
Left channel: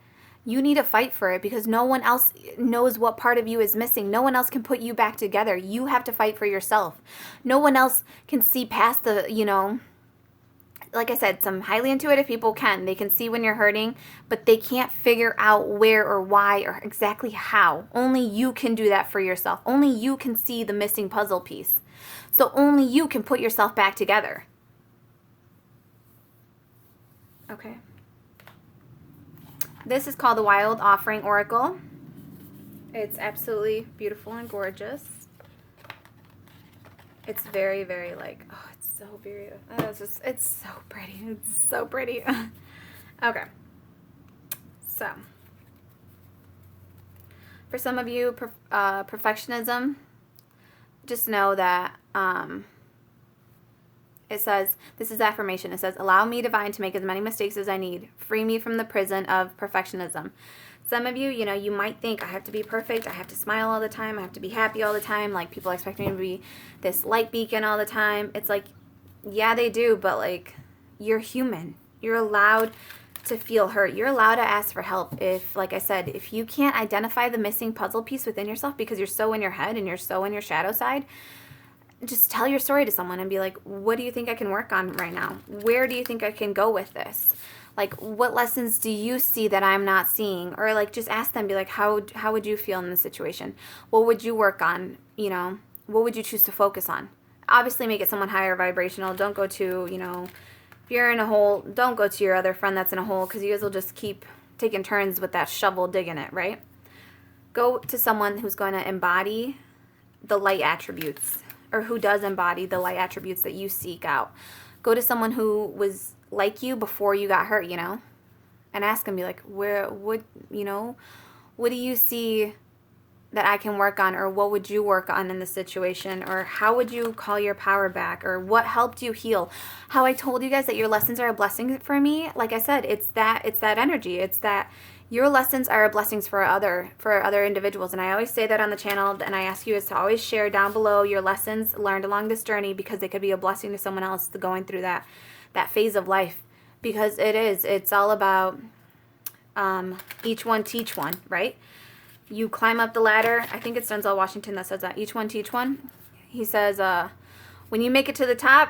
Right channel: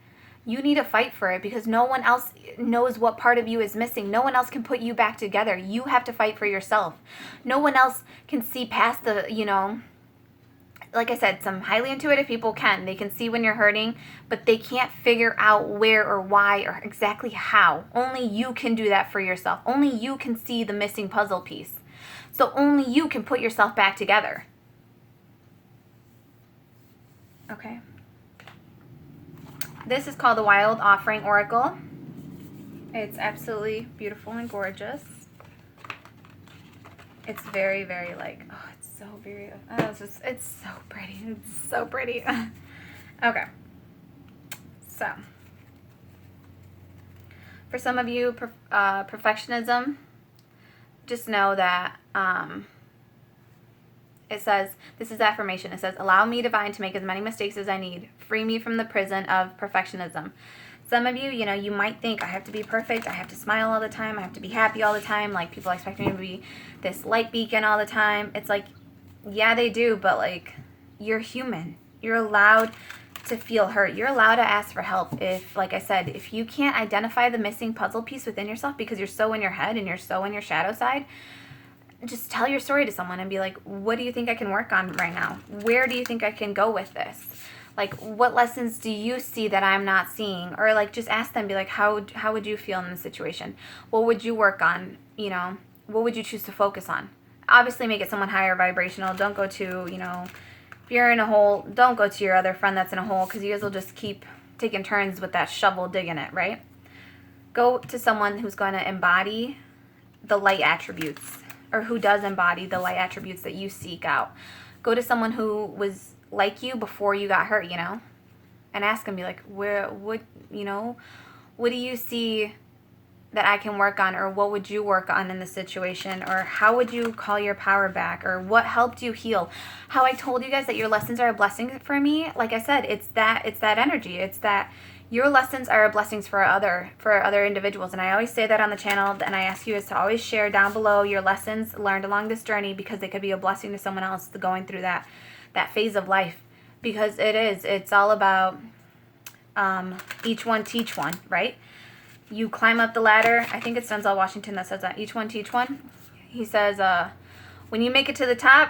You need to fight for it because no one else knows what part of you is missing. No one else can put you back together. You have to fight for yourself. No one else can see past the, like I said, some highly intuitive people can. They can see when you're hurting, but they can't figure out where or why or exactly how. Only you can do that for yourself. Only you can see the missing puzzle piece. So only you can put yourself back together. Okay. This is called the Wild Offering Oracle. It's absolutely beautiful and gorgeous. It's very, very like, oh, it's so beautiful. Oh, it's so pretty. It's so pretty. Okay. So, for some of you, perfectionism, just know that it says, this is affirmation. It says, allow me, divine, to make as many mistakes as I need. Free me from the prison of perfectionism. Some of you, you might think, I have to be perfect. I have to smile all the time. I have to be happy all the time. Like, people expect me to be this light beacon all the time. It's like, yeah, they do, but like, you're human. You're allowed to feel hurt. You're allowed to ask for help. If, like I said, if you can't identify the missing puzzle piece within yourself because you're so in your head and you're so in your shadow side, just tell your story to someone and be like, what do you think I can work on right now? Where do you think I can go with this? Like, what lessons do you see that I'm not seeing? Or like, just ask them, be like, how would you feel in this situation? What would you work on? What would you choose to focus on? Obviously make it someone higher vibrational. Don't go to, if you're in a hole, don't go to your other friend that's in a hole, because you guys will just keep taking turns with that shovel digging it, right? Go to someone who's going to embody the light attributes, or who does embody the light attributes that you seek out. Go to someone who was like you before you got hurt, and ask them, be like, what do you see that I can work on, or what would you work on in this situation, or how would you call your power back, or what helped you heal? How I told you guys that your lessons are a blessing for me, like I said, it's that energy. It's that your lessons are blessings for other individuals. And I always say that on the channel, and I ask you is to always share down below your lessons learned along this journey, because they could be a blessing to someone else going through that phase of life. Because it's all about each one teach one, right? You climb up the ladder. I think it's Denzel Washington that says that. Each one teach one. He says, when you make it to the top,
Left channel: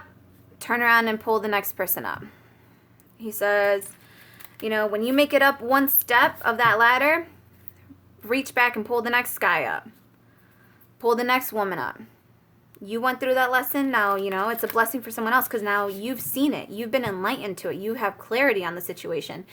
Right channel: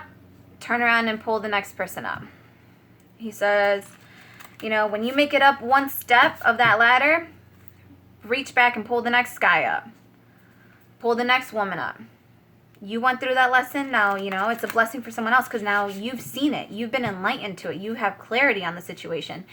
turn around and pull the next person up. He says, when you make it up one step of that ladder, reach back and pull the next guy up. Pull the next woman up. You went through that lesson. Now, it's a blessing for someone else, because now you've seen it. You've been enlightened to it. You have clarity on the situation.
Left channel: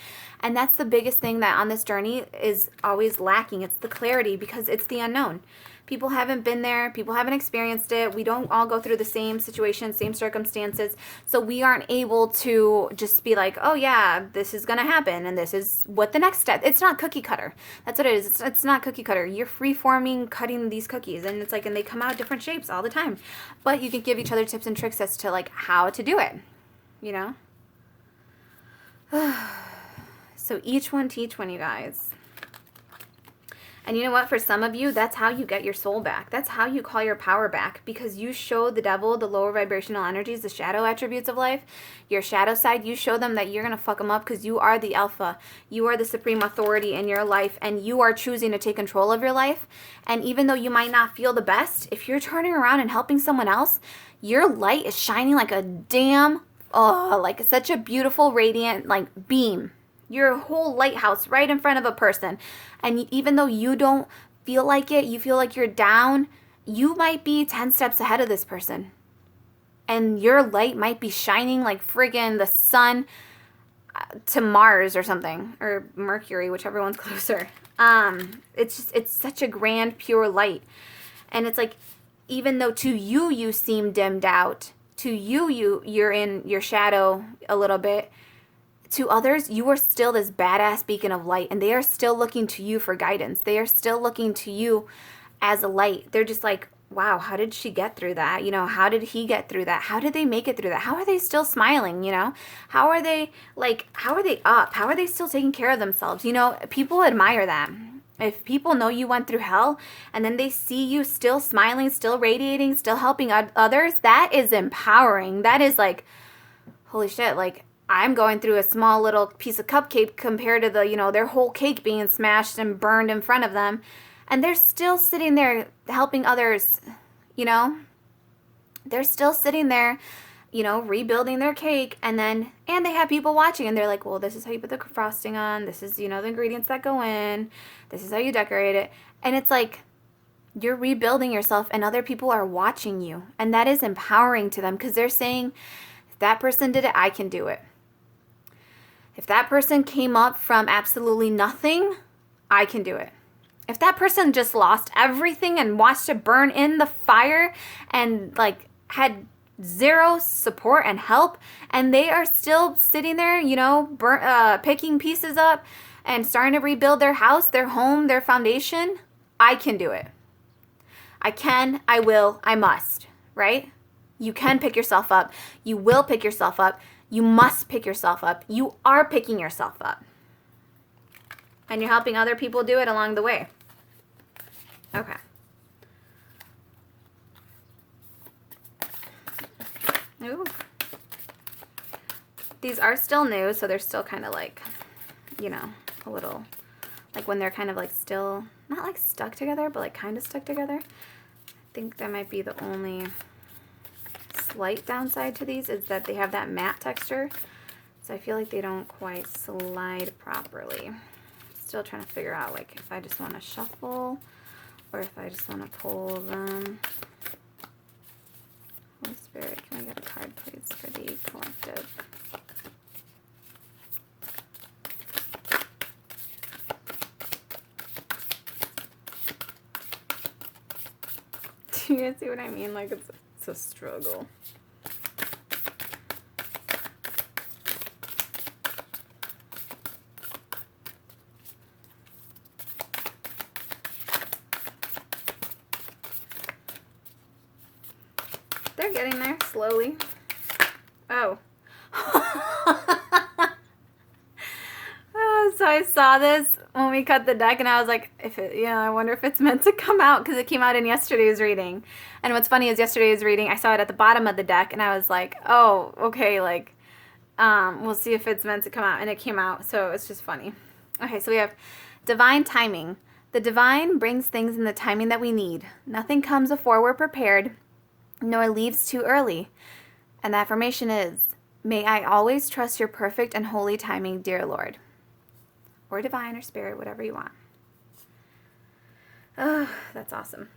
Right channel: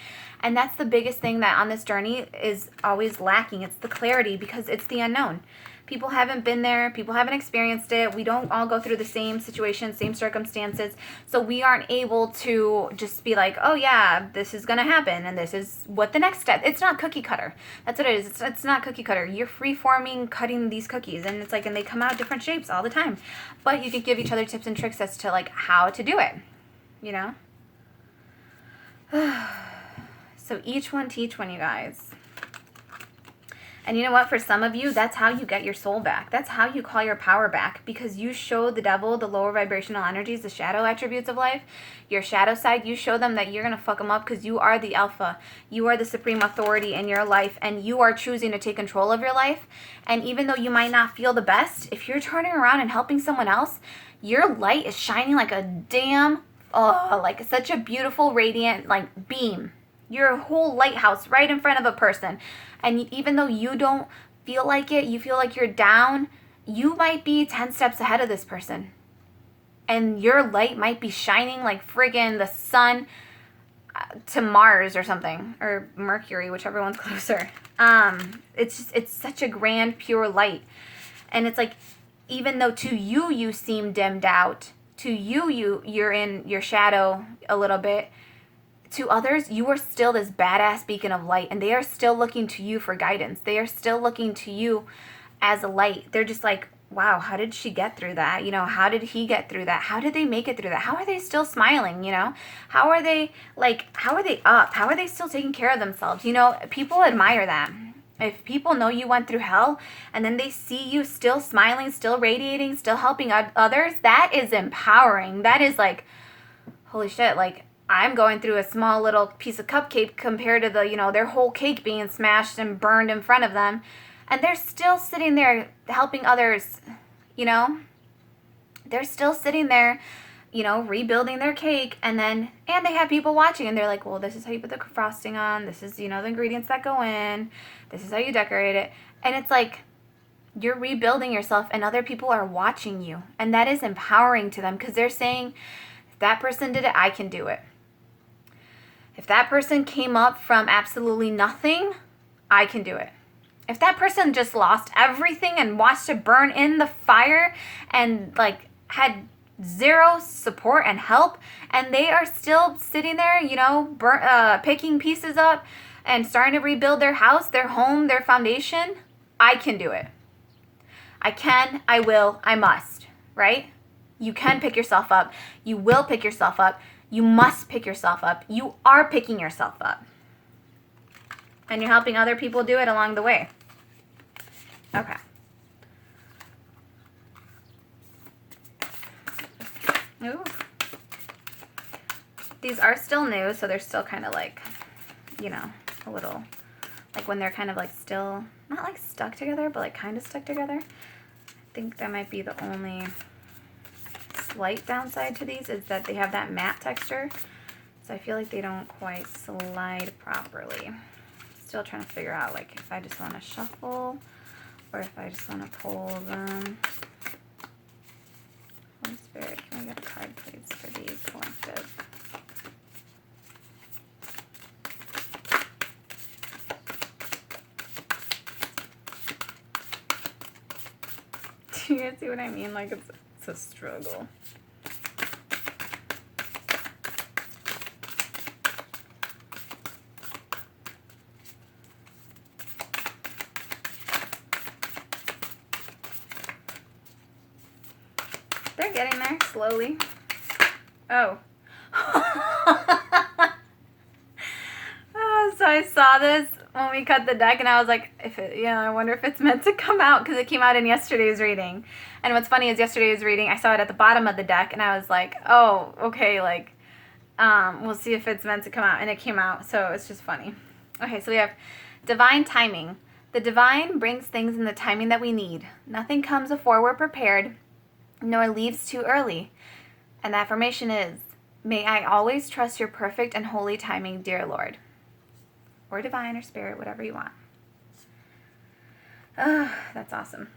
And that's the biggest thing that on this journey is always lacking. It's the clarity, because it's the unknown. People haven't been there. People haven't experienced it. We don't all go through the same situations, same circumstances. So we aren't able to just be like, oh yeah, this is going to happen, and this is what the next step. It's not cookie cutter. That's what it is. It's not cookie cutter. You're free-forming, cutting these cookies, and it's like, and they come out different shapes all the time. But you can give each other tips and tricks as to like how to do it, So each one teach one, you guys. And you know what? For some of you, that's how you get your soul back. That's how you call your power back, because you show the devil the lower vibrational energies, the shadow attributes of life, your shadow side. You show them that you're going to fuck them up, because you are the alpha. You are the supreme authority in your life, and you are choosing to take control of your life. And even though you might not feel the best, if you're turning around and helping someone else, your light is shining like a damn, like such a beautiful, radiant, like beam. You're a whole lighthouse right in front of a person. And even though you don't feel like it, you feel like you're down, you might be 10 steps ahead of this person. And your light might be shining like friggin' the sun to Mars or something. Or Mercury, whichever one's closer. It's such a grand, pure light. And it's like, even though to you seem dimmed out, to you're in your shadow a little bit, to others, you are still this badass beacon of light, and they are still looking to you for guidance. They are still looking to you as a light. They're just like, wow, how did she get through that? How did he get through that? How did they make it through that? How are they still smiling? How are they up? How are they still taking care of themselves? People admire that. If people know you went through hell and then they see you still smiling, still radiating, still helping others, that is empowering. That is like, holy shit, like, I'm going through a small little piece of cupcake compared to their whole cake being smashed and burned in front of them. And they're still sitting there helping others, They're still sitting there, rebuilding their cake. And they have people watching, and they're like, well, this is how you put the frosting on. This is, the ingredients that go in. This is how you decorate it. And it's like, you're rebuilding yourself and other people are watching you. And that is empowering to them because they're saying, if that person did it, I can do it. If that person came up from absolutely nothing, I can do it. If that person just lost everything and watched it burn in the fire and had zero support and help, and they are still sitting there, picking pieces up and starting to rebuild their house, their home, their foundation, I can do it. I can, I will, I must, right? You can pick yourself up. You will pick yourself up. You must pick yourself up. You are picking yourself up. And you're helping other people do it along the way. Okay. Ooh. These are still new, so they're still kind of a little, when they're kind of still, not stuck together, but kind of stuck together. I think that might be the only slight downside to these is that they have that matte texture. So I feel like they don't quite slide properly. Still trying to figure out if I just want to shuffle or if I just want to pull them. Holy Spirit, can I get a card please for the collective? Do you guys see what I mean? It's a struggle. They're getting there slowly. Oh. So I saw this when we cut the deck, and I was like, I wonder if it's meant to come out, because it came out in yesterday's reading. And what's funny is yesterday's reading, I saw it at the bottom of the deck, and I was like, oh, okay, we'll see if it's meant to come out. And it came out, so it's just funny. Okay, so we have divine timing. The divine brings things in the timing that we need. Nothing comes before we're prepared, nor leaves too early. And the affirmation is, may I always trust your perfect and holy timing, dear Lord. Or divine or spirit, whatever you want. Oh, that's awesome.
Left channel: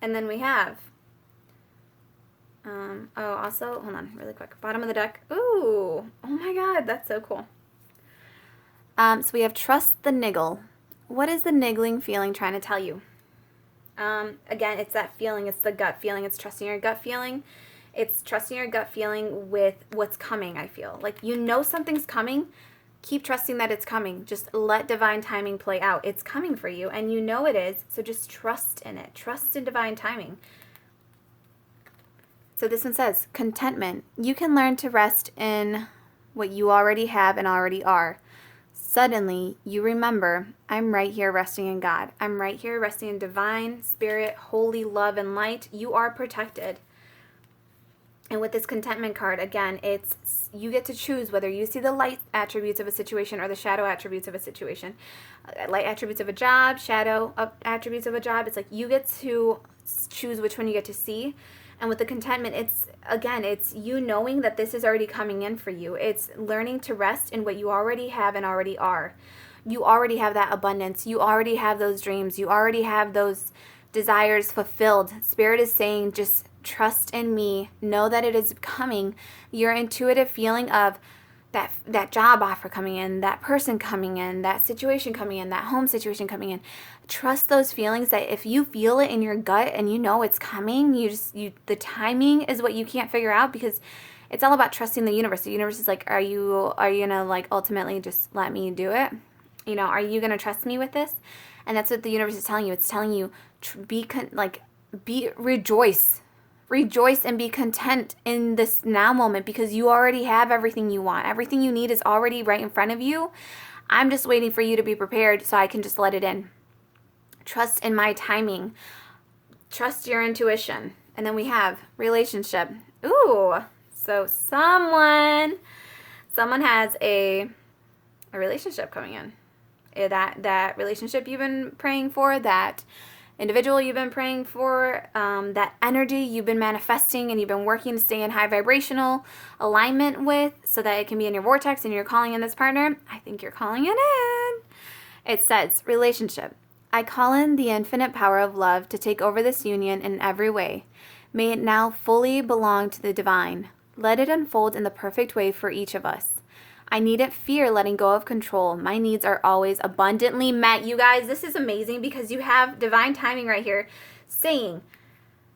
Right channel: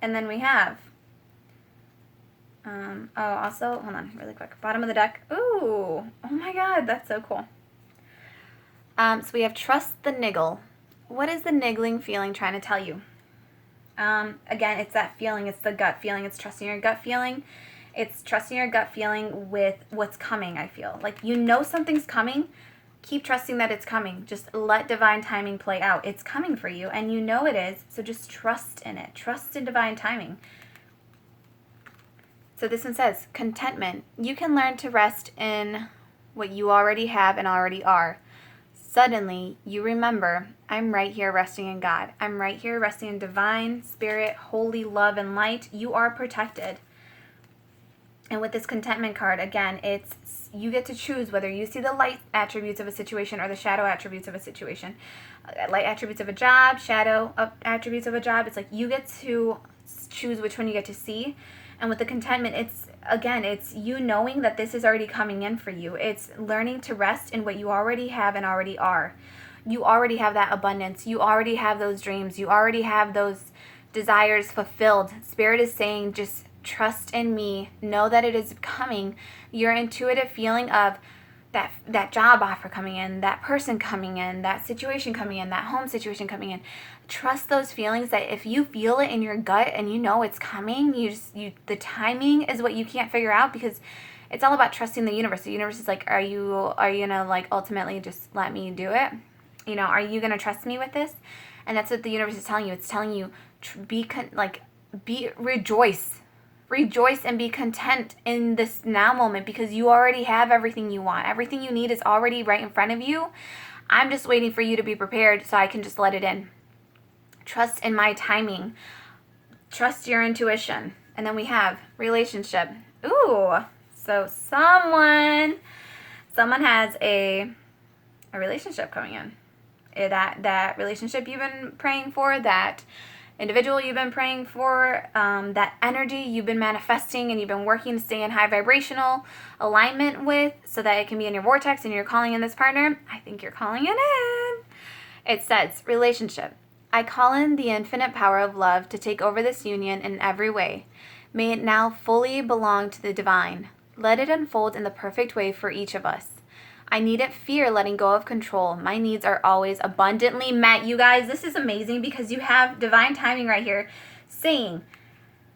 And then we have, also, hold on really quick. Bottom of the deck. Ooh, oh my God, that's so cool. So we have trust the niggle. What is the niggling feeling trying to tell you? Again, it's that feeling. It's the gut feeling. It's trusting your gut feeling. It's trusting your gut feeling with what's coming, I feel. Something's coming. Keep trusting that it's coming. Just let divine timing play out. It's coming for you, and it is. So just trust in it. Trust in divine timing. So this one says, contentment. You can learn to rest in what you already have and already are. Suddenly, you remember, I'm right here resting in God. I'm right here resting in divine, spirit, holy love, and light. You are protected. And with this contentment card, again, you get to choose whether you see the light attributes of a situation or the shadow attributes of a situation. Light attributes of a job, shadow attributes of a job. It's you get to choose which one you get to see. And with the contentment, it's you knowing that this is already coming in for you. It's learning to rest in what you already have and already are. You already have that abundance. You already have those dreams. You already have those desires fulfilled. Spirit is saying, just trust in me. Know that it is coming. Your intuitive feeling of that job offer coming in, that person coming in, that situation coming in, that home situation coming in. Trust those feelings that if you feel it in your gut and it's coming, the timing is what you can't figure out, because it's all about trusting the universe. The universe is are you gonna ultimately just let me do it? Are you gonna trust me with this? And that's what the universe is telling you. It's telling you rejoice. Rejoice and be content in this now moment, because you already have everything you want. Everything you need is already right in front of you. I'm just waiting for you to be prepared so I can just let it in. Trust in my timing. Trust your intuition. And then we have relationship. Ooh, So someone has a relationship coming in. That relationship you've been praying for, that individual you've been praying for, that energy you've been manifesting and you've been working to stay in high vibrational alignment with, so that it can be in your vortex and you're calling in this partner. I think you're calling it in. It says, relationship. I call in the infinite power of love to take over this union in every way. May it now fully belong to the divine. Let it unfold in the perfect way for each of us. I needn't fear letting go of control. My needs are always abundantly met. You guys, this is amazing because you have divine timing right here saying,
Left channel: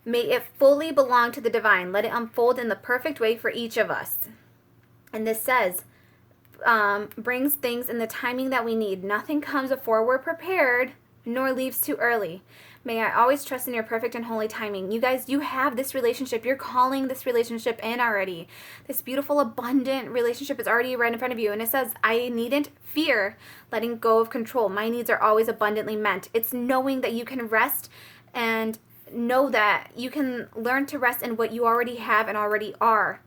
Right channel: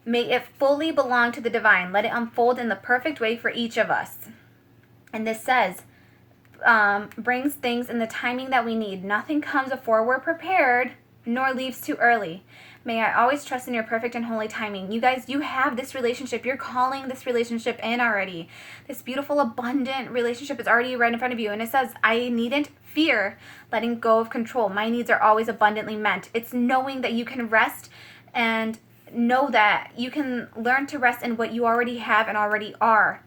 may it fully belong to the divine. Let it unfold in the perfect way for each of us. And this says, brings things in the timing that we need. Nothing comes before we're prepared, nor leaves too early. May I always trust in your perfect and holy timing. You guys, you have this relationship. You're calling this relationship in already. This beautiful, abundant relationship is already right in front of you. And it says, I needn't fear letting go of control. My needs are always abundantly met. It's knowing that you can rest and know that you can learn to rest in what you already have and already are.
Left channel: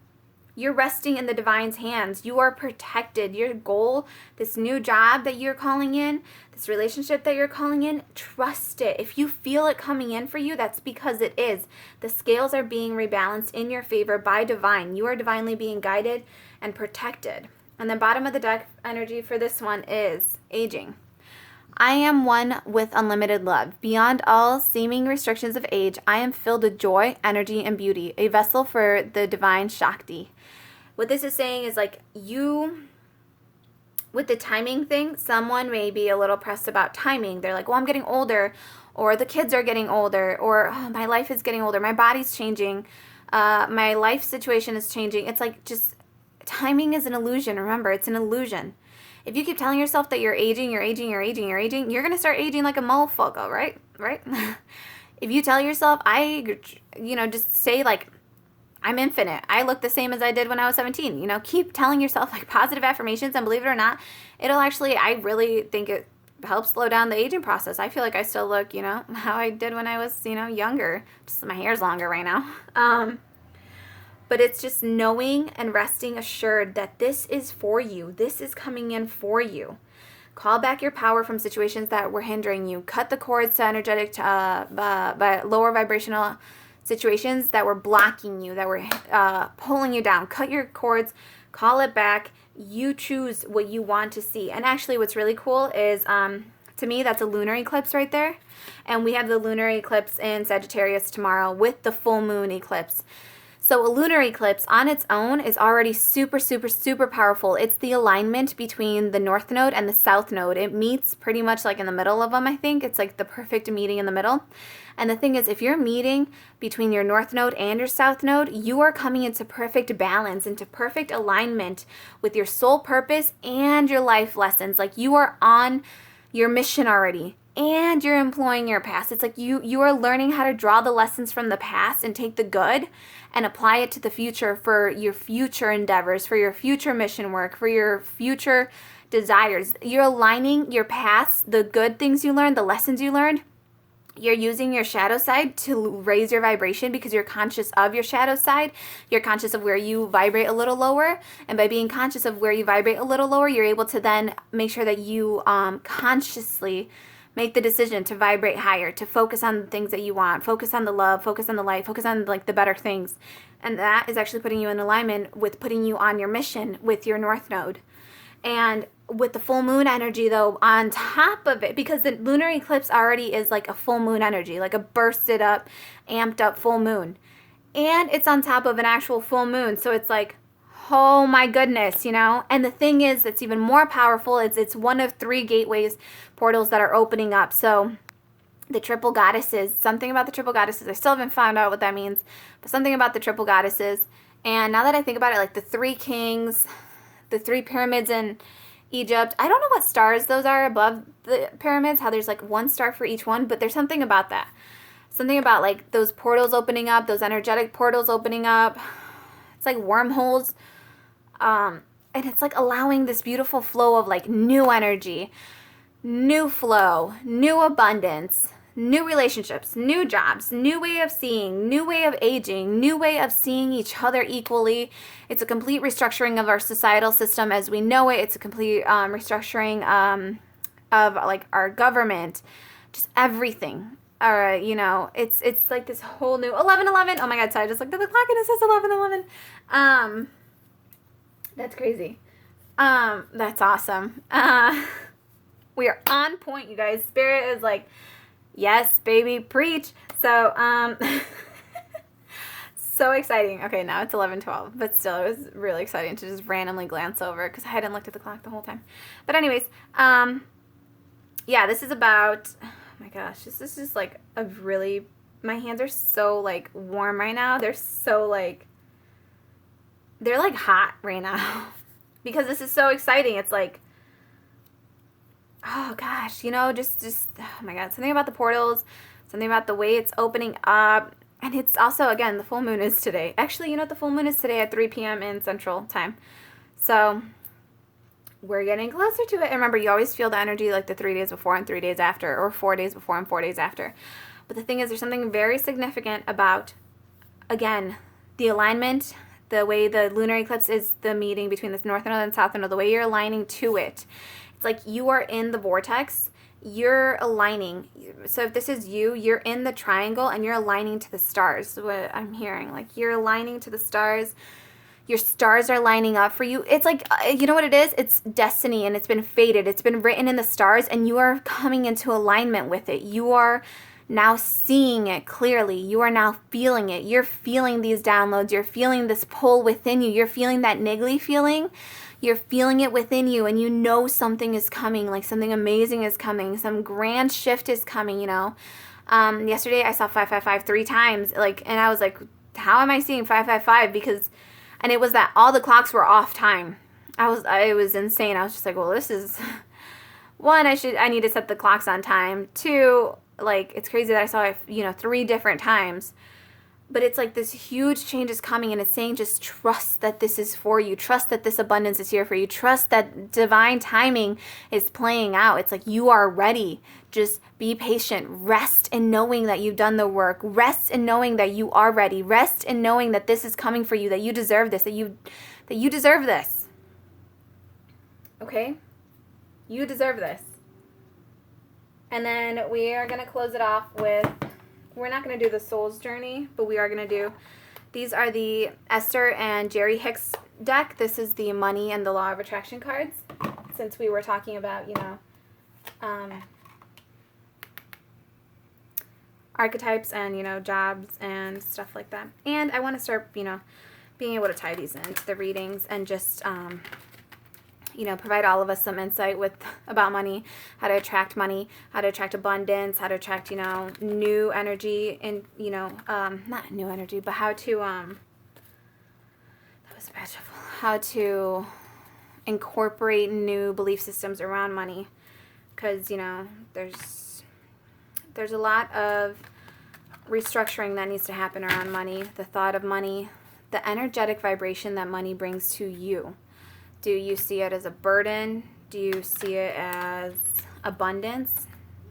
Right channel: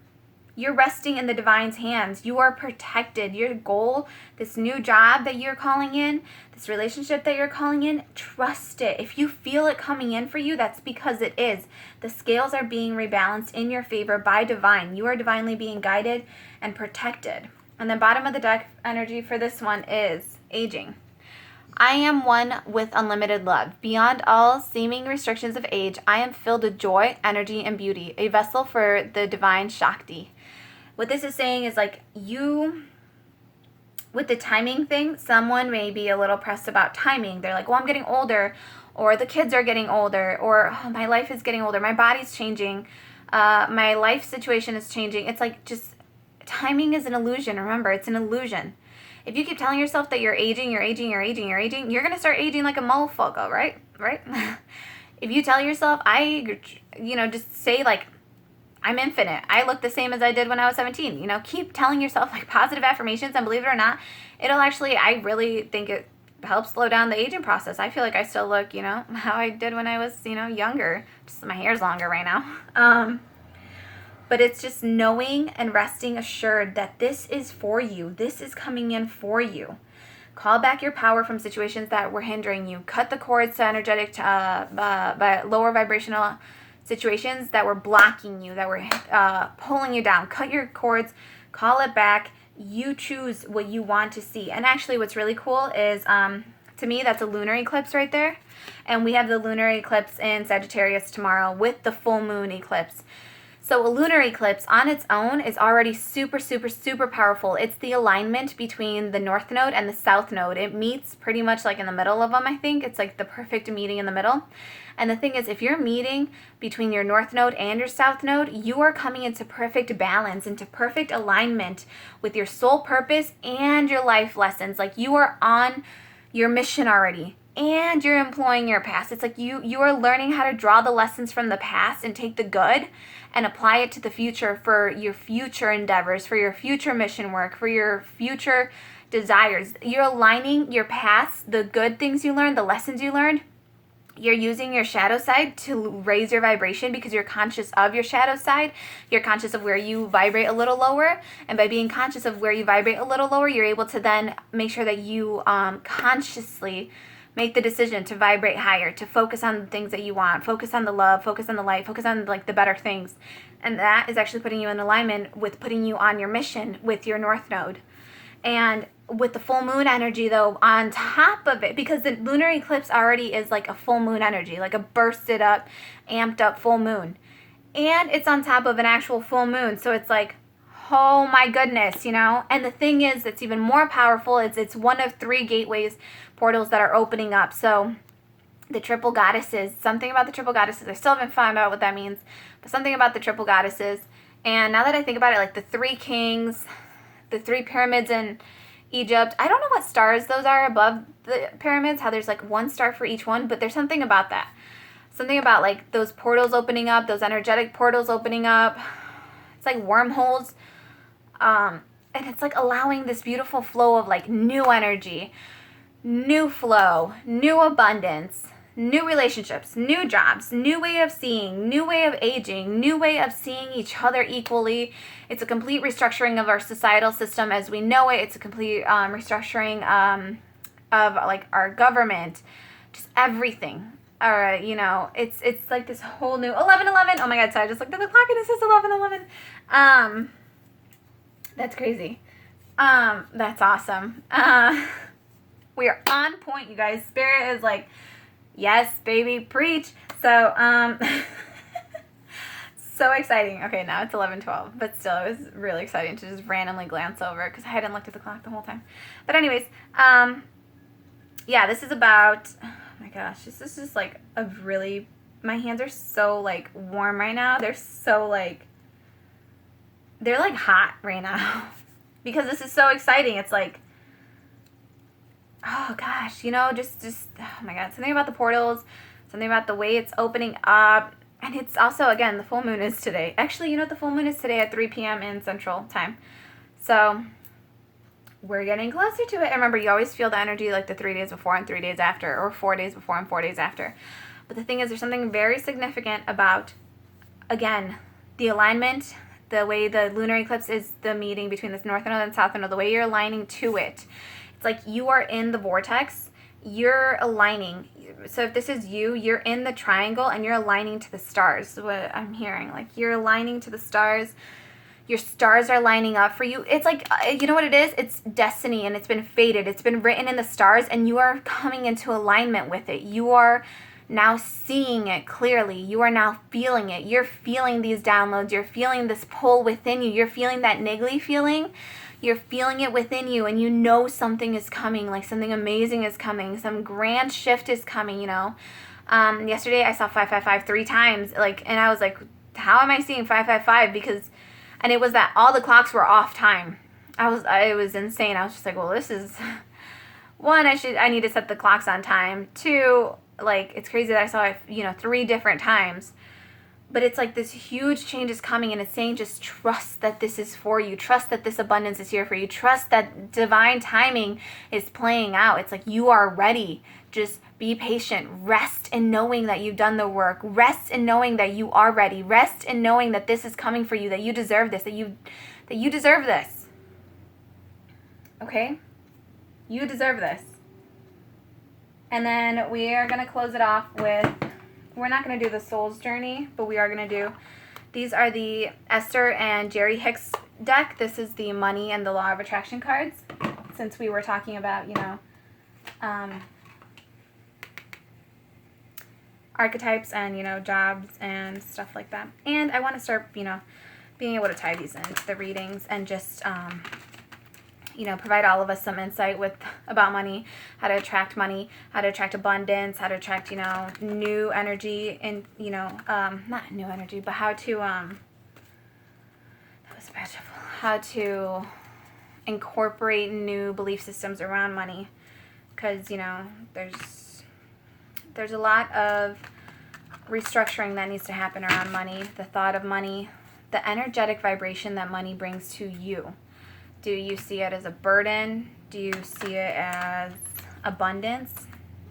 You're resting in the divine's hands. You are protected. Your goal, this new job that you're calling in, this relationship that you're calling in, trust it. If you feel it coming in for you, that's because it is. The scales are being rebalanced in your favor by divine. You are divinely being guided and protected. And the bottom of the deck energy for this one is aging. I am one with unlimited love. Beyond all seeming restrictions of age, I am filled with joy, energy, and beauty, a vessel for the divine Shakti. What this is saying is like you, with the timing thing, someone may be a little pressed about timing. They're like, well, I'm getting older, or the kids are getting older, or oh, my life is getting older, my body's changing, my life situation is changing. It's like just timing is an illusion. Remember, it's an illusion. If you keep telling yourself that you're aging, you're going to start aging like a motherfucker, right? Right? If you tell yourself, just say like, I'm infinite. I look the same as I did when I was 17. Keep telling yourself like positive affirmations, and believe it or not, it'll actually, I really think it helps slow down the aging process. I feel like I still look, how I did when I was, younger. Just my hair's longer right now. But it's just knowing and resting assured that this is for you. This is coming in for you. Call back your power from situations that were hindering you. Cut the cords to energetic, by lower vibrational situations that were blocking you, that were pulling you down. Cut your cords, call it back. You choose what you want to see. And actually what's really cool is, to me, that's a lunar eclipse right there. And we have the lunar eclipse in Sagittarius tomorrow with the full moon eclipse. So a lunar eclipse on its own is already super, super, super powerful. It's the alignment between the north node and the south node. It meets pretty much like in the middle of them, I think. It's like the perfect meeting in the middle. And the thing is, if you're meeting between your north node and your south node, you are coming into perfect balance, into perfect alignment with your soul purpose and your life lessons. Like you are on your mission already. And you're employing your past. It's like you are learning how to draw the lessons from the past and take the good and apply it to the future for your future endeavors, for your future mission work, for your future desires. You're aligning your past, the good things you learned, the lessons you learned. You're using your shadow side to raise your vibration because you're conscious of your shadow side. You're conscious of where you vibrate a little lower. And by being conscious of where you vibrate a little lower, you're able to then make sure that you consciously make the decision to vibrate higher, to focus on the things that you want, focus on the love, focus on the light, focus on like the better things. And that is actually putting you in alignment with putting you on your mission with your north node. And with the full moon energy though, on top of it, because the lunar eclipse already is like a full moon energy, like a bursted up, amped up full moon. And it's on top of an actual full moon. So it's like, oh my goodness, And the thing is, that's even more powerful. It's one of 3 gateways, portals that are opening up. So the triple goddesses, something about the triple goddesses, I still haven't found out what that means, but something about the triple goddesses. And now that I think about it, like the 3 kings, the 3 pyramids in Egypt, I don't know what stars those are above the pyramids, how there's like 1 star for each one, but there's something about that. Something about like those portals opening up, those energetic portals opening up. It's like wormholes. And it's like allowing this beautiful flow of like new energy, new flow, new abundance, new relationships, new jobs, new way of seeing, new way of aging, new way of seeing each other equally. It's a complete restructuring of our societal system as we know it. It's a complete restructuring of like our government, just everything. You know, it's like this whole new 11:11. Oh my God! So I just looked at the clock and it says 11:11. That's crazy. That's awesome. We are on point, you guys. Spirit is like, yes, baby, preach. So, so exciting. Okay, now it's 11:12, but still, it was really exciting to just randomly glance over because I hadn't looked at the clock the whole time. But anyways, yeah, this is about, oh my gosh, this is just like a really, my hands are so like warm right now. They're so like, they're like hot right now because this is so exciting. It's like, oh gosh, you know, just oh my God, something about the portals, something about the way it's opening up. And it's also, again, the full moon is today. Actually, you know what, the full moon is today at 3 p.m. in Central Time. So we're getting closer to it. And remember, you always feel the energy like the 3 days before and 3 days after, or 4 days before and 4 days after. But the thing is, there's something very significant about, again, the alignment, the way the lunar eclipse is the meeting between the north node and south node, the way you're aligning to it. It's like you are in the vortex, you're aligning. So if this is you, you're in the triangle and you're aligning to the stars. What I'm hearing, like you're aligning to the stars. Your stars are lining up for you. It's like, you know what it is? It's destiny and it's been fated. It's been written in the stars and you are coming into alignment with it. You are now seeing it clearly. You are now feeling it. You're feeling these downloads. You're feeling this pull within you. You're feeling that niggly feeling. You're feeling it within you and you know something is coming, like something amazing is coming. Some grand shift is coming, you know. Yesterday I saw 555 3 times, like, and I was like, how am I seeing 555? Because, and it was that all the clocks were off time. It was insane. I was just like, well, this is, one, I need to set the clocks on time. Two, like, it's crazy that I saw it, you know, 3 different times. But it's like this huge change is coming and it's saying just trust that this is for you. Trust that this abundance is here for you. Trust that divine timing is playing out. It's like you are ready. Just be patient. Rest in knowing that you've done the work. Rest in knowing that you are ready. Rest in knowing that this is coming for you, that you deserve this, that you deserve this. Okay? You deserve this. And then we are going to close it off with, we're not going to do the Soul's Journey, but we are going to do, these are the Esther and Jerry Hicks deck. This is the Money and the Law of Attraction cards, since we were talking about, you know, archetypes and, you know, jobs and stuff like that. And I want to start, you know, being able to tie these into the readings and just, you know, provide all of us some insight about money, how to attract money, how to attract abundance, how to attract, you know, new energy and, you know, not new energy, but how to, that was beautiful, how to incorporate new belief systems around money. Because, you know, there's a lot of restructuring that needs to happen around money, the thought of money, the energetic vibration that money brings to you. Do you see it as a burden? Do you see it as abundance?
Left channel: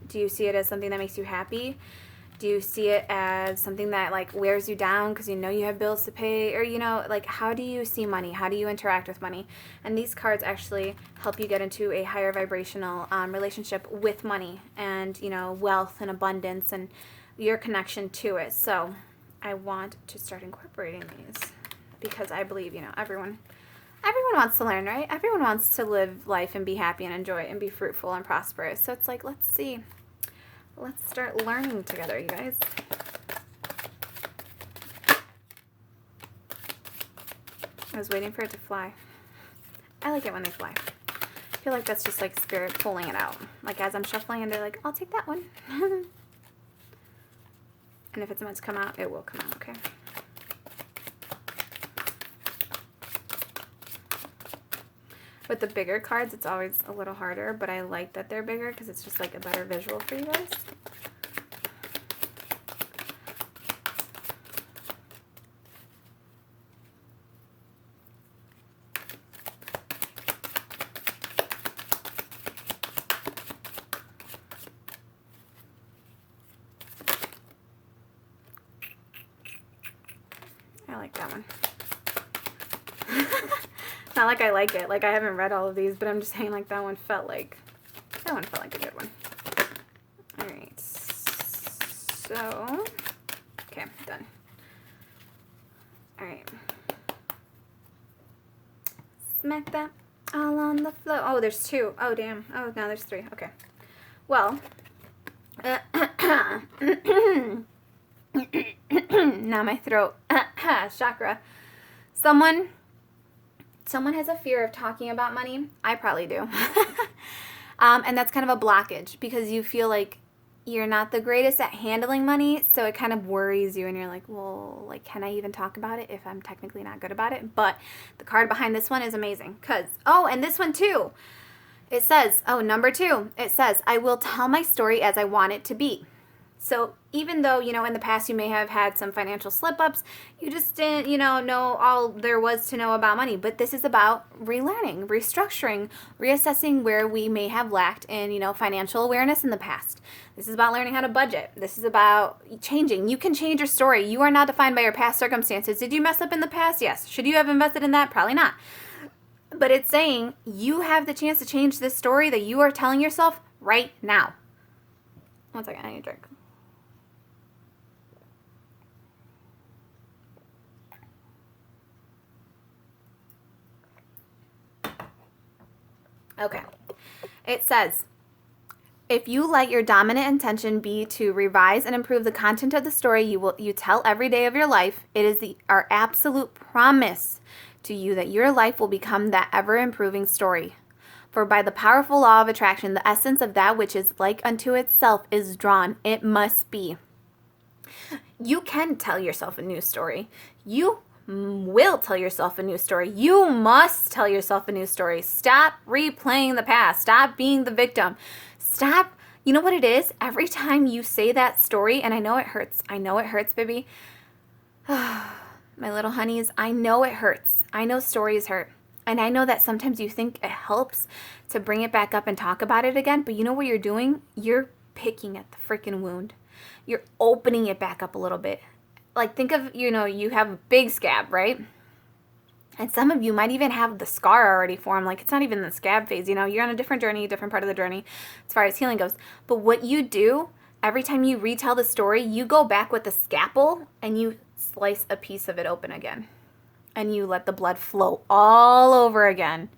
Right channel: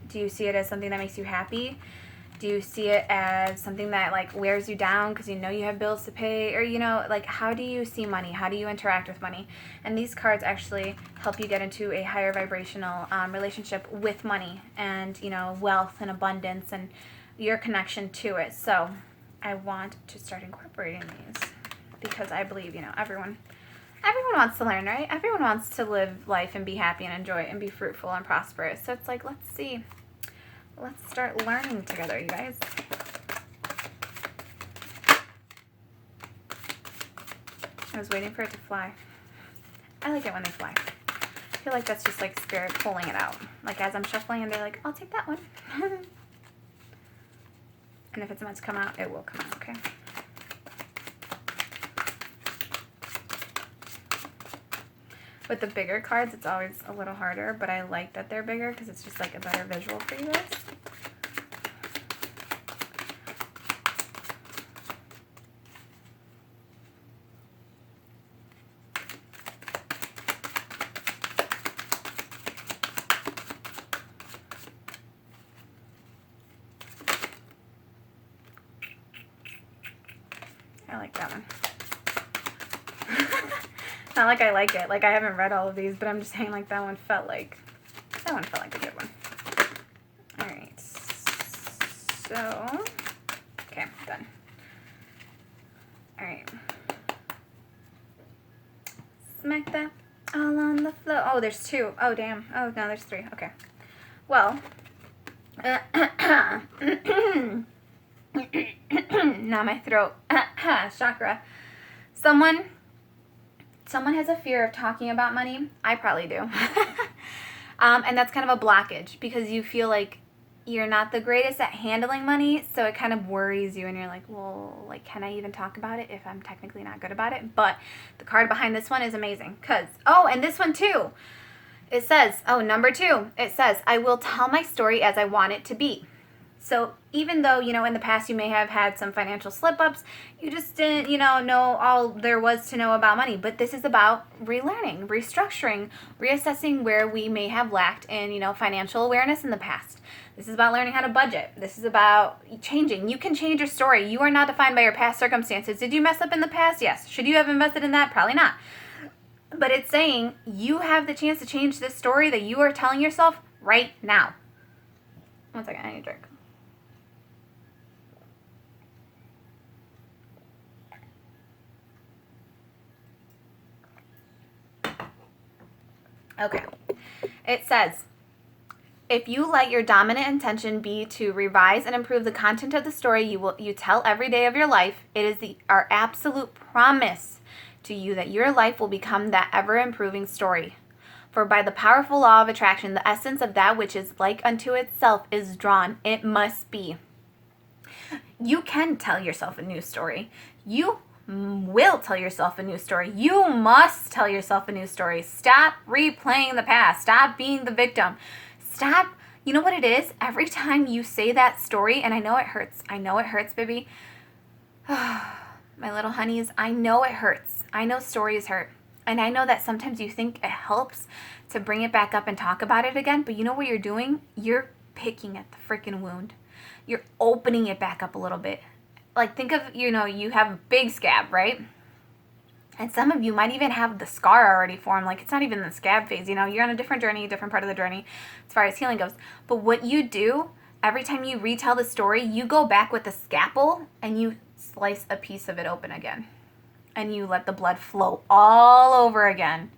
Do you see it as something that makes you happy? Do you see it as something that, like, wears you down because you know you have bills to pay? Or, you know, like, how do you see money? How do you interact with money? And these cards actually help you get into a higher vibrational relationship with money and, you know, wealth and abundance and your connection to it. So I want to start incorporating these because I believe, you know, everyone wants to learn, right? Everyone wants to live life and be happy and enjoy it and be fruitful and prosperous. So it's like, let's see. Let's start learning together, you guys. I was waiting for it to fly. I like it when they fly. I feel like that's just like spirit pulling it out. Like as I'm shuffling and they're like, I'll take that one. And if it's meant to come out, it will come out, okay? With the bigger cards, it's always a little harder, but I like that they're bigger because it's just like a better visual for you guys. I like that one. It's not like I like it. Like, I haven't read all of these, but I'm just saying, like, that one felt like a good one. All right. So, okay, done. All right. Smack that all on the floor. Oh, there's 2. Oh, damn. Oh, no, there's 3. Okay. Well, now my throat. Chakra. Someone has a fear of talking about money. I probably do. And that's kind of a blockage because you feel like you're not the greatest at handling money, so it kind of worries you, and you're like, well, like, can I even talk about it if I'm technically not good about it? But the card behind this one is amazing because, oh, and this one too. It says, number 2, it says, I will tell my story as I want it to be. So even though, in the past you may have had some financial slip-ups, you just didn't, know all there was to know about money. But this is about relearning, restructuring, reassessing where we may have lacked in, financial awareness in the past. This is about learning how to budget. This is about changing. You can change your story. You are not defined by your past circumstances. Did you mess up in the past? Yes. Should you have invested in that? Probably not. But it's saying you have the chance to change this story that you are telling yourself right now. One second, I need a drink. Okay. It says, if you let your dominant intention be to revise and improve the content of the story you tell every day of your life, it is our absolute promise to you that your life will become that ever-improving story. For by the powerful law of attraction, the essence of that which is like unto itself is drawn. It must be. You can tell yourself a new story. You will tell yourself a new story. You must tell yourself a new story. Stop replaying the past. Stop being the victim. Stop. You know what it is? Every time you say that story, and I know it hurts. I know it hurts, baby. My little honeys, I know it hurts. I know stories hurt. And I know that sometimes you think it helps to bring it back up and talk about it again, but you know what you're doing? You're picking at the freaking wound. You're opening it back up a little bit. Like, think of, you have a big scab, right? And some of you might even have the scar already formed. Like, it's not even the scab phase, you're on a different journey, a different part of the journey as far as healing goes. But what you do, every time you retell the story, you go back with the scalpel and you slice a piece of it open again. And you let the blood flow all over again.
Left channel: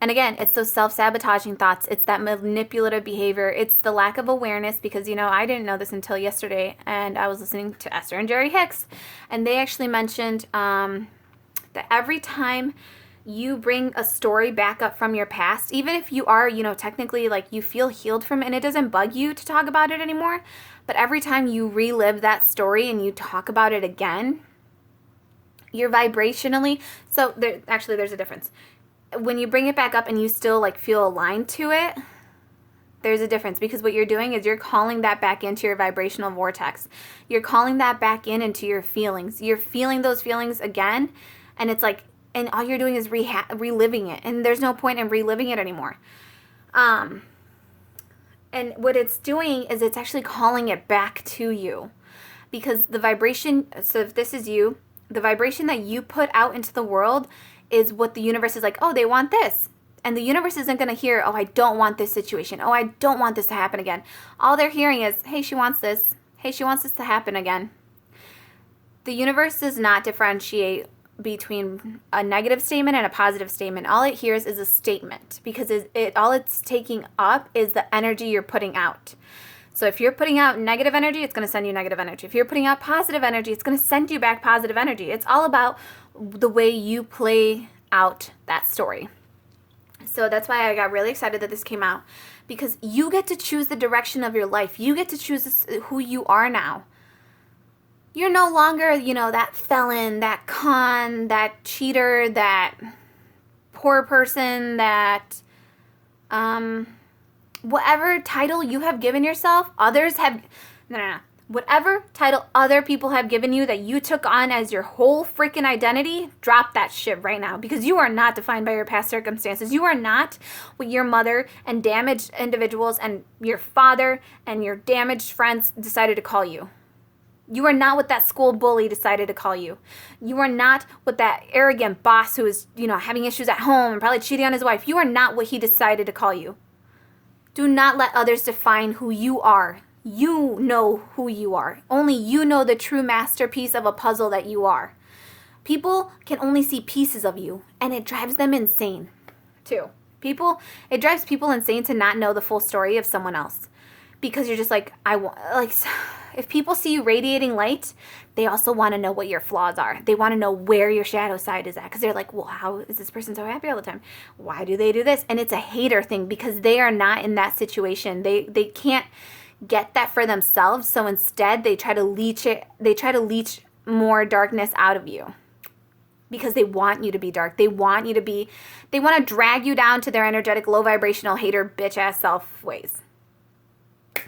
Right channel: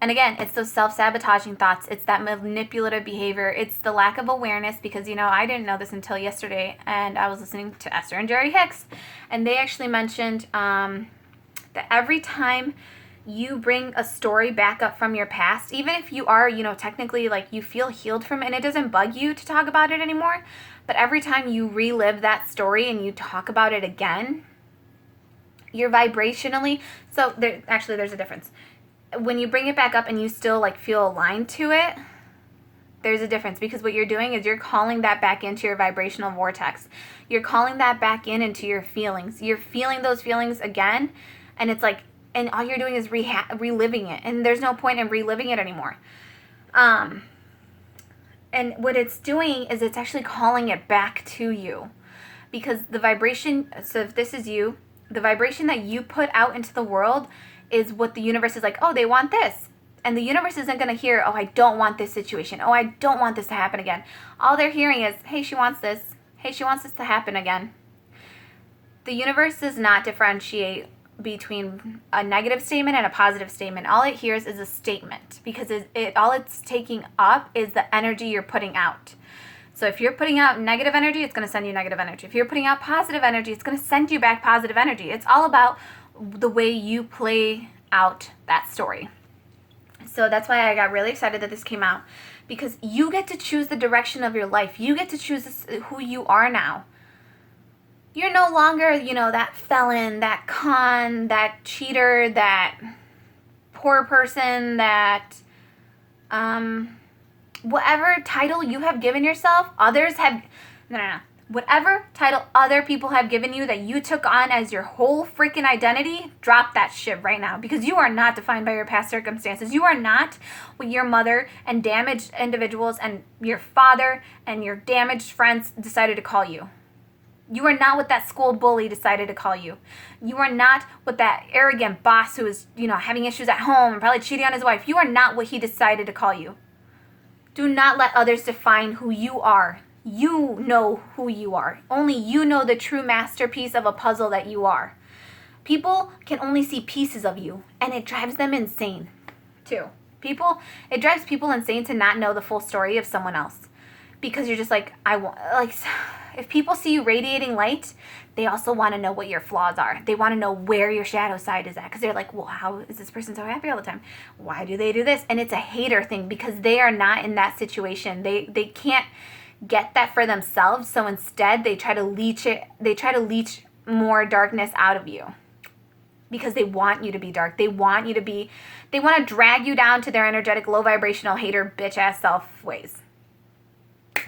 And again, it's those self-sabotaging thoughts. It's that manipulative behavior. It's the lack of awareness because, I didn't know this until yesterday. And I was listening to Esther and Jerry Hicks. And they actually mentioned that every time you bring a story back up from your past, even if you are, technically like you feel healed from it and it doesn't bug you to talk about it anymore. But every time you relive that story and you talk about it again, you're vibrationally, so there's a difference. When you bring it back up and you still like feel aligned to it, there's a difference because what you're doing is you're calling that back into your vibrational vortex. You're calling that back into your feelings. You're feeling those feelings again, and it's like, and all you're doing is reliving it, and there's no point in reliving it anymore. And what it's doing is it's actually calling it back to you because the vibration, so if this is you, the vibration that you put out into the world is what the universe is like, oh, they want this. And the universe isn't going to hear, oh, I don't want this situation. Oh, I don't want this to happen again. All they're hearing is, hey, she wants this. Hey, she wants this to happen again. The universe does not differentiate between a negative statement and a positive statement. All it hears is a statement because all it's taking up is the energy you're putting out. So if you're putting out negative energy, it's going to send you negative energy. If you're putting out positive energy, it's going to send you back positive energy. It's all about the way you play out that story. So that's why I got really excited that this came out because you get to choose the direction of your life. You get to choose who you are now. You're no longer, that felon, that con, that cheater, that poor person, that whatever title you have given yourself, others have, no. Whatever title other people have given you that you took on as your whole freaking identity, drop that shit right now because you are not defined by your past circumstances. You are not what your mother and damaged individuals and your father and your damaged friends decided to call you. You are not what that school bully decided to call you. You are not what that arrogant boss who is, having issues at home and probably cheating on his wife. You are not what he decided to call you. Do not let others define who you are. You know who you are. Only you know the true masterpiece of a puzzle that you are. People can only see pieces of you, and it drives them insane, too. It drives people insane to not know the full story of someone else. Because you're just if people see you radiating light, they also want to know what your flaws are. They want to know where your shadow side is at. Because they're like, well, how is this person so happy all the time? Why do they do this? And it's a hater thing because they are not in that situation. They can't get that for themselves. So instead, they try to leech it. They try to leech more darkness out of you. Because they want you to be dark. They want to drag you down to their energetic, low vibrational, hater, bitch ass self ways.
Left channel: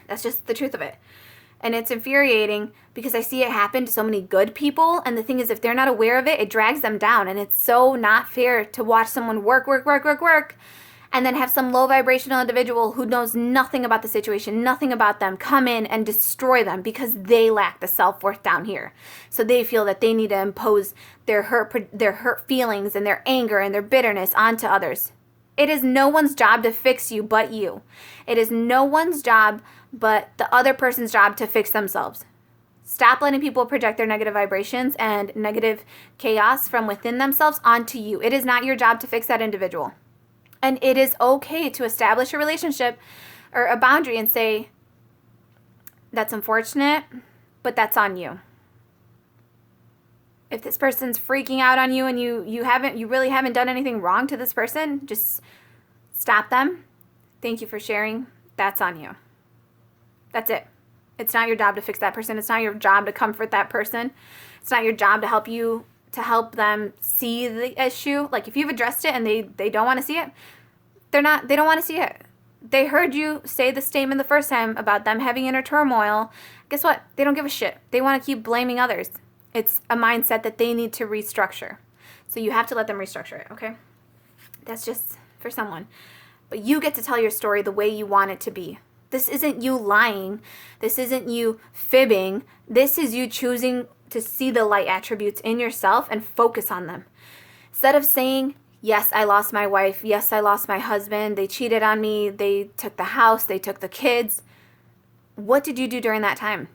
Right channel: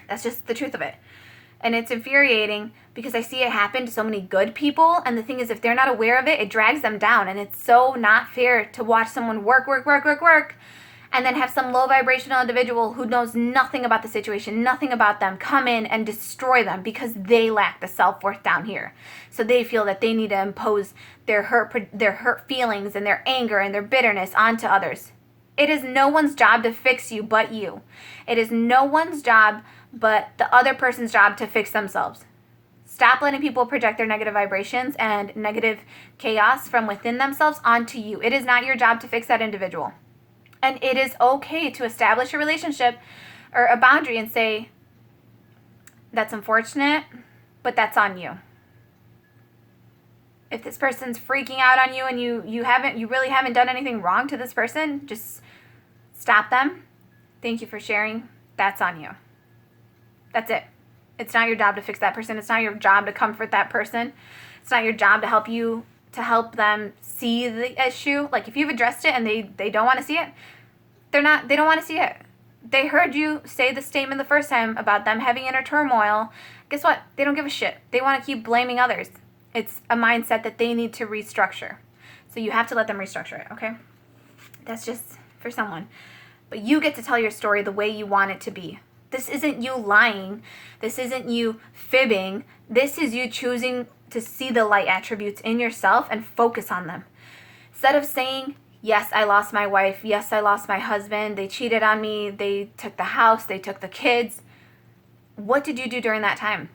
That's just the truth of it. And it's infuriating because I see it happen to so many good people. And the thing is, if they're not aware of it, it drags them down. And it's so not fair to watch someone work, and then have some low vibrational individual who knows nothing about the situation, nothing about them, come in and destroy them because they lack the self-worth down here. So they feel that they need to impose their hurt feelings and their anger and their bitterness onto others. It is no one's job to fix you but you. It is no one's job but the other person's job to fix themselves. Stop letting people project their negative vibrations and negative chaos from within themselves onto you. It is not your job to fix that individual. And it is okay to establish a relationship or a boundary and say, that's unfortunate, but that's on you. If this person's freaking out on you and you really haven't done anything wrong to this person, just stop them. Thank you for sharing. That's on you. That's it. It's not your job to fix that person. It's not your job to comfort that person. It's not your job to help them see the issue. Like if you've addressed it and they don't want to see it, they don't want to see it. They heard you say the statement the first time about them having inner turmoil. Guess what? They don't give a shit. They want to keep blaming others. It's a mindset that they need to restructure. So you have to let them restructure it, okay? That's just for someone. But you get to tell your story the way you want it to be. This isn't you lying. This isn't you fibbing. This is you choosing to see the light attributes in yourself and focus on them. Instead of saying, yes, I lost my wife. Yes, I lost my husband. They cheated on me. They took the house. They took the kids. What did you do during that time?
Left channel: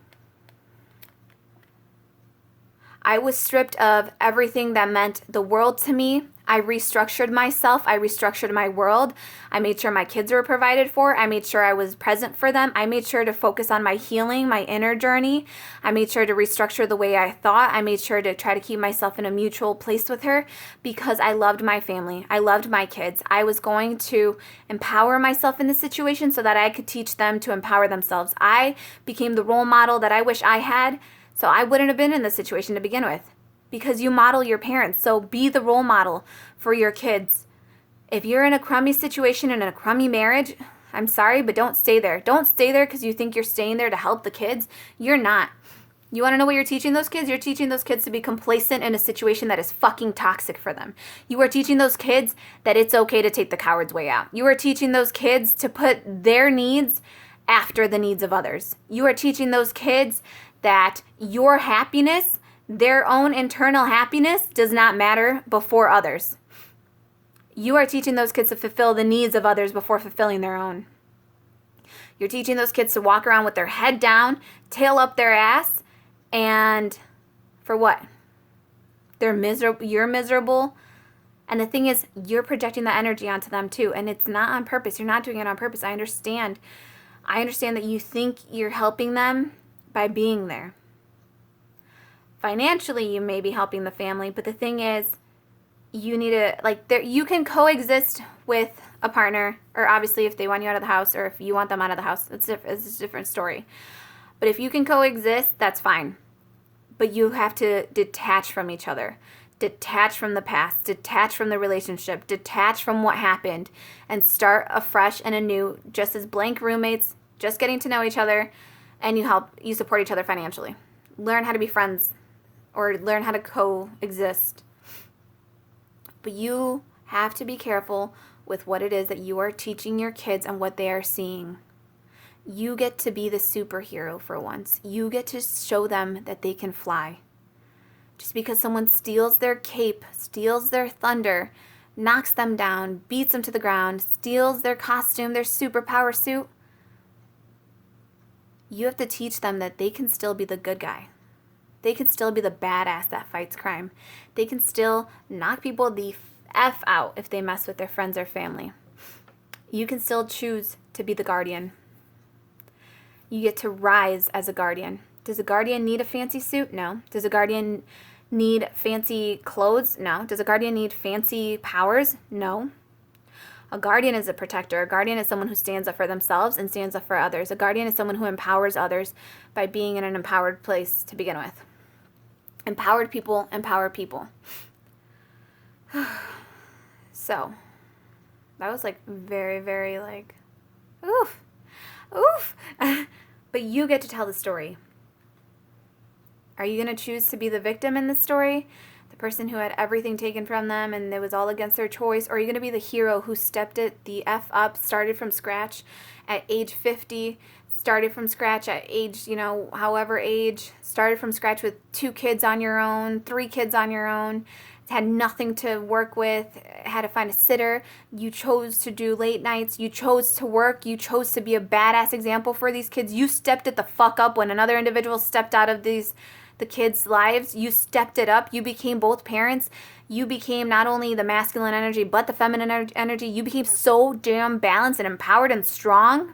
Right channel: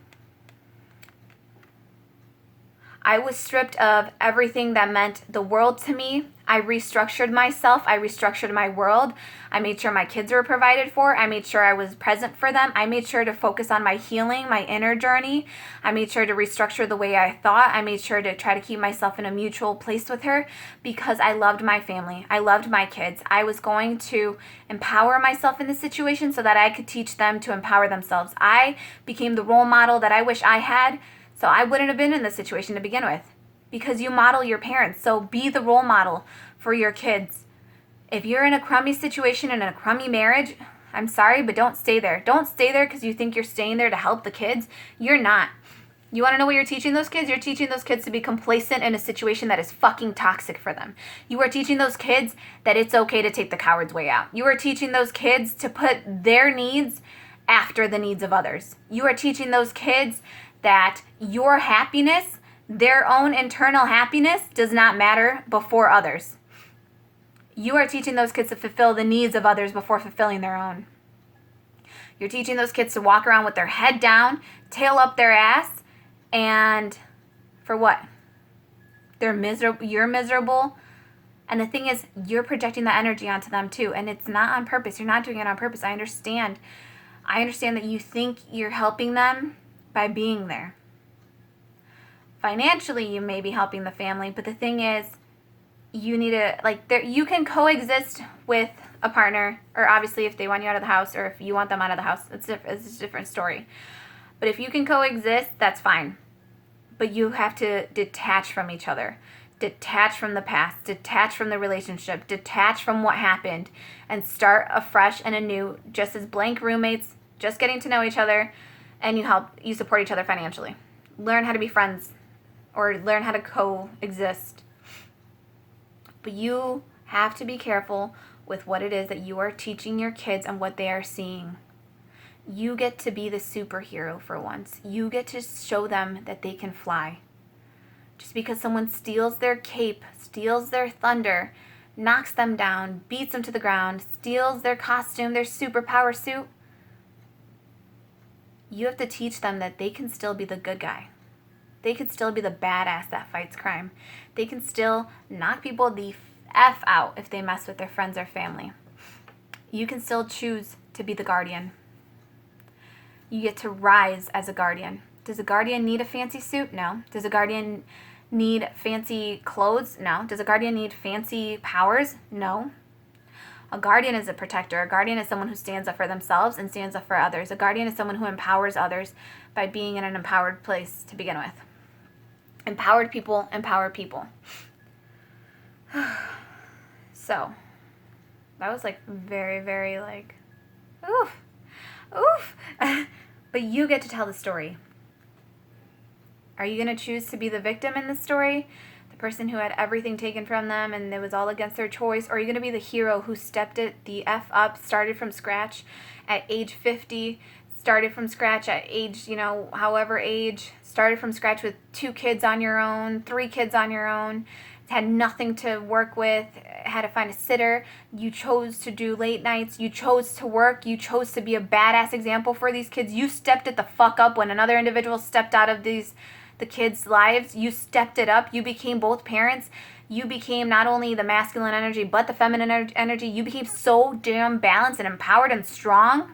I was stripped of everything that meant the world to me. I restructured myself. I restructured my world. I made sure my kids were provided for. I made sure I was present for them. I made sure to focus on my healing, my inner journey. I made sure to restructure the way I thought. I made sure to try to keep myself in a mutual place with her because I loved my family. I loved my kids. I was going to empower myself in this situation so that I could teach them to empower themselves. I became the role model that I wish I had. So I wouldn't have been in this situation to begin with because you model your parents. So be the role model for your kids. If you're in a crummy situation and in a crummy marriage, I'm sorry, but don't stay there. Don't stay there because you think you're staying there to help the kids. You're not. You want to know what you're teaching those kids? You're teaching those kids to be complacent in a situation that is fucking toxic for them. You are teaching those kids that it's okay to take the coward's way out. You are teaching those kids to put their needs after the needs of others. You are teaching those kids that your happiness, their own internal happiness, does not matter before others. You are teaching those kids to fulfill the needs of others before fulfilling their own. You're teaching those kids to walk around with their head down, tail up their ass, and for what? They're miserable. You're miserable. And the thing is, you're projecting that energy onto them too, and it's not on purpose. You're not doing it on purpose. I understand that you think you're helping them by being there. Financially, you may be helping the family, but the thing is, you need to, you can coexist with a partner, or obviously if they want you out of the house, or if you want them out of the house, it's a different story. But if you can coexist, that's fine. But you have to detach from each other. Detach from the past. Detach from the relationship. Detach from what happened. And start afresh and anew, just as blank roommates, just getting to know each other, and you support each other financially. Learn how to be friends, or learn how to coexist. But you have to be careful with what it is that you are teaching your kids and what they are seeing. You get to be the superhero for once. You get to show them that they can fly. Just because someone steals their cape, steals their thunder, knocks them down, beats them to the ground, steals their costume, their superpower suit, you have to teach them that they can still be the good guy. They can still be the badass that fights crime. They can still knock people the F out if they mess with their friends or family. You can still choose to be the guardian. You get to rise as a guardian. Does a guardian need a fancy suit? No. Does a guardian need fancy clothes? No. Does a guardian need fancy powers? No. A guardian is a protector. A guardian is someone who stands up for themselves and stands up for others. A guardian is someone who empowers others by being in an empowered place to begin with. Empowered people empower people. So, that was like very, very like, oof, oof. But you get to tell the story. Are you going to choose to be the victim in the story? The person who had everything taken from them and it was all against their choice? Or are you going to be the hero who stepped it the F up, started from scratch at age 50, started from scratch at age, however age, started from scratch with 2 kids on your own, 3 kids on your own, had nothing to work with, had to find a sitter. You chose to do late nights. You chose to work. You chose to be a badass example for these kids. You stepped it the fuck up when another individual stepped out of the kids' lives. You stepped it up. You became both parents. You became not only the masculine energy, but the feminine energy. You became so damn balanced and empowered and strong.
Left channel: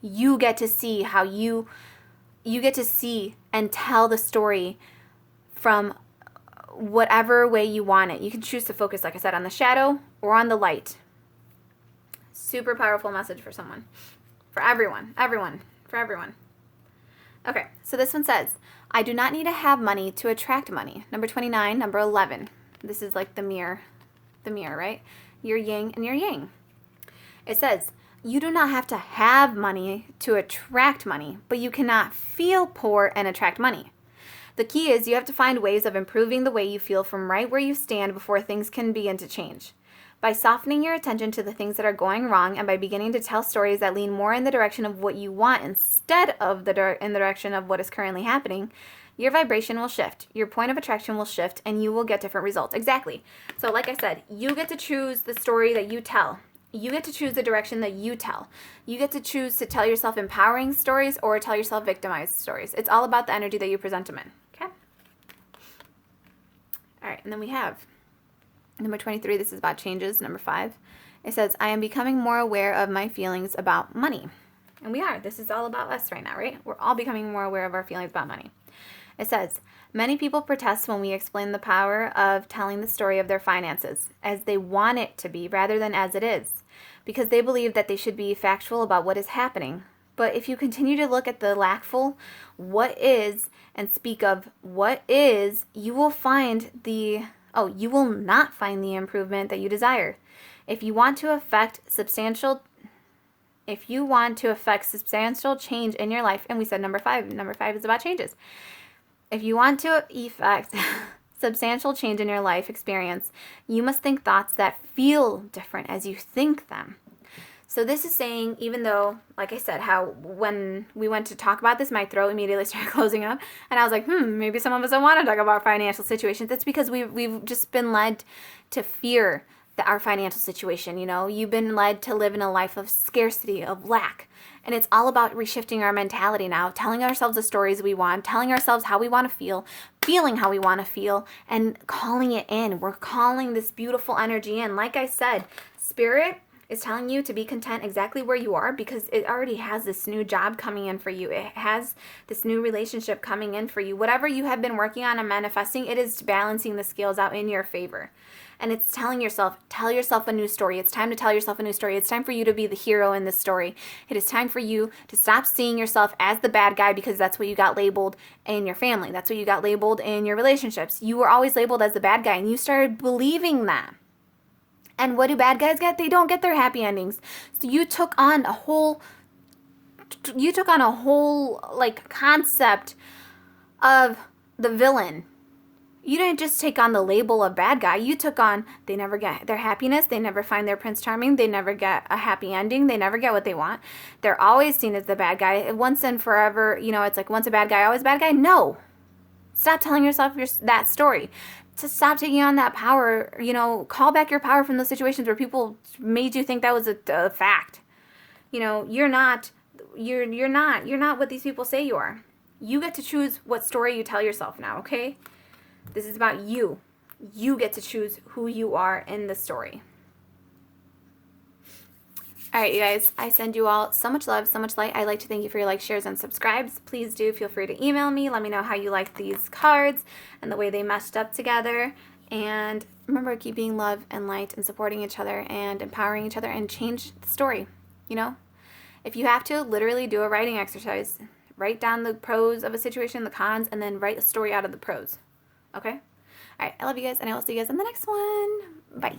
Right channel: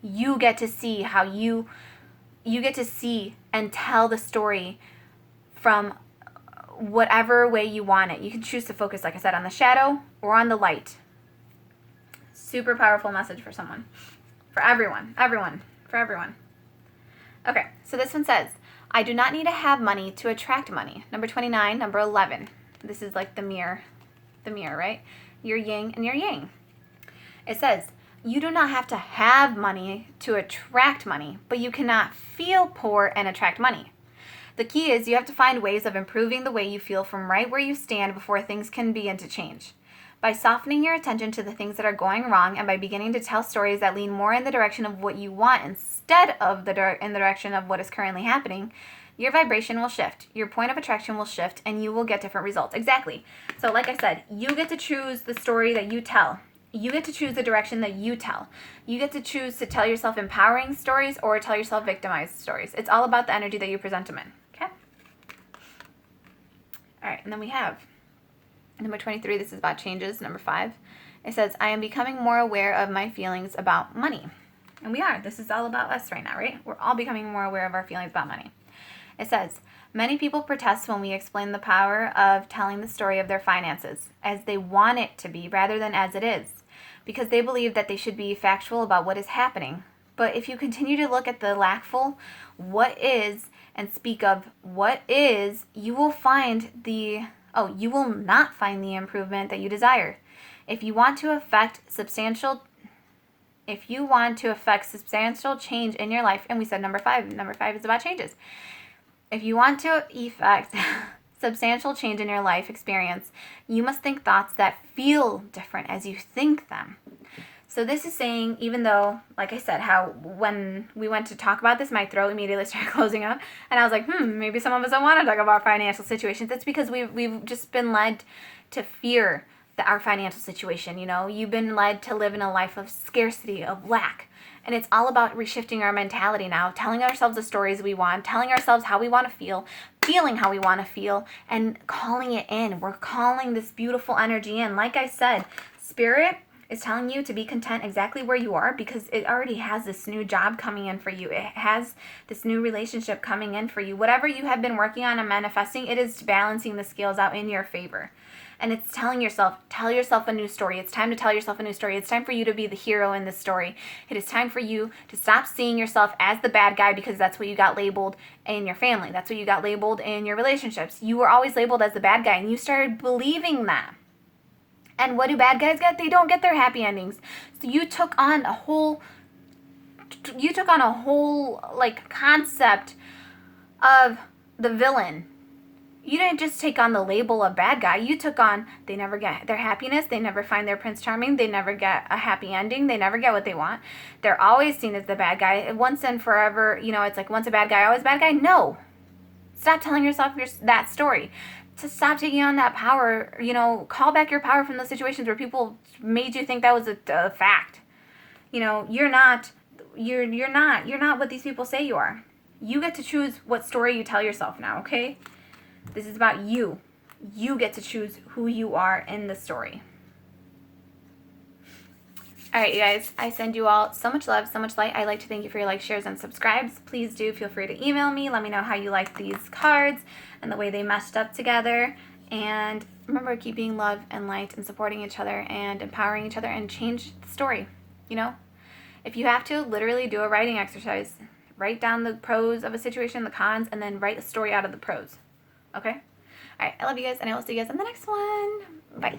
You get to see how you get to see and tell the story from whatever way you want it. You can choose to focus, like I said, on the shadow or on the light. Super powerful message for someone. For everyone. For everyone. Okay, so this one says, I do not need to have money to attract money. Number 29, number 11. This is like the mirror, right? Your yin and your yang. It says, you do not have to have money to attract money, but you cannot feel poor and attract money. The key is you have to find ways of improving the way you feel from right where you stand before things can begin to change. By softening your attention to the things that are going wrong and by beginning to tell stories that lean more in the direction of what you want instead of in the direction of what is currently happening, your vibration will shift, your point of attraction will shift, and you will get different results. Exactly. So like I said, you get to choose the story that you tell. You get to choose the direction that you tell. You get to choose to tell yourself empowering stories or tell yourself victimized stories. It's all about the energy that you present them in. Okay? All right, and then we have number 23. This is about changes. Number 5. It says, I am becoming more aware of my feelings about money. And we are. This is all about us right now, right? We're all becoming more aware of our feelings about money. It says, many people protest when we explain the power of telling the story of their finances as they want it to be rather than as it is, because they believe that they should be factual about what is happening. But if you continue to look at the lackful what is and speak of what is, you will not find the improvement that you desire. If you want to affect substantial change in your life, and we said number 5 is about changes. If you want to effect substantial change in your life experience, you must think thoughts that feel different as you think them. So this is saying, even though, like I said, how when we went to talk about this, my throat immediately started closing up, and I was like, maybe some of us don't want to talk about financial situations. That's because we've just been led to fear our financial situation. You've been led to live in a life of scarcity, of lack. And it's all about reshifting our mentality now, telling ourselves the stories we want, telling ourselves how we want to feel, feeling how we want to feel, and calling it in. We're calling this beautiful energy in. Like I said, Spirit is telling you to be content exactly where you are because it already has this new job coming in for you. It has this new relationship coming in for you. Whatever you have been working on and manifesting, it is balancing the scales out in your favor. And it's telling yourself, tell yourself a new story. It's time to tell yourself a new story. It's time for you to be the hero in this story. It is time for you to stop seeing yourself as the bad guy because that's what you got labeled in your family. That's what you got labeled in your relationships. You were always labeled as the bad guy and you started believing that. And what do bad guys get? They don't get their happy endings. So you took on a whole like concept of the villain. You didn't just take on the label of bad guy. You took on, they never get their happiness. They never find their Prince Charming. They never get a happy ending. They never get what they want. They're always seen as the bad guy. Once and forever, it's like once a bad guy, always a bad guy. No. Stop telling yourself that story. To stop taking on that power, call back your power from those situations where people made you think that was a fact. You're not what these people say you are. You get to choose what story you tell yourself now, okay? This is about you. You get to choose who you are in the story. All right, you guys, I send you all so much love, so much light. I'd like to thank you for your likes, shares, and subscribes. Please do feel free to email me. Let me know how you like these cards and the way they meshed up together. And remember, keep being love and light and supporting each other and empowering each other and change the story. If you have to, literally do a writing exercise. Write down the pros of a situation, the cons, and then write a story out of the pros. Okay? All right, I love you guys, and I will see you guys in the next one. Bye.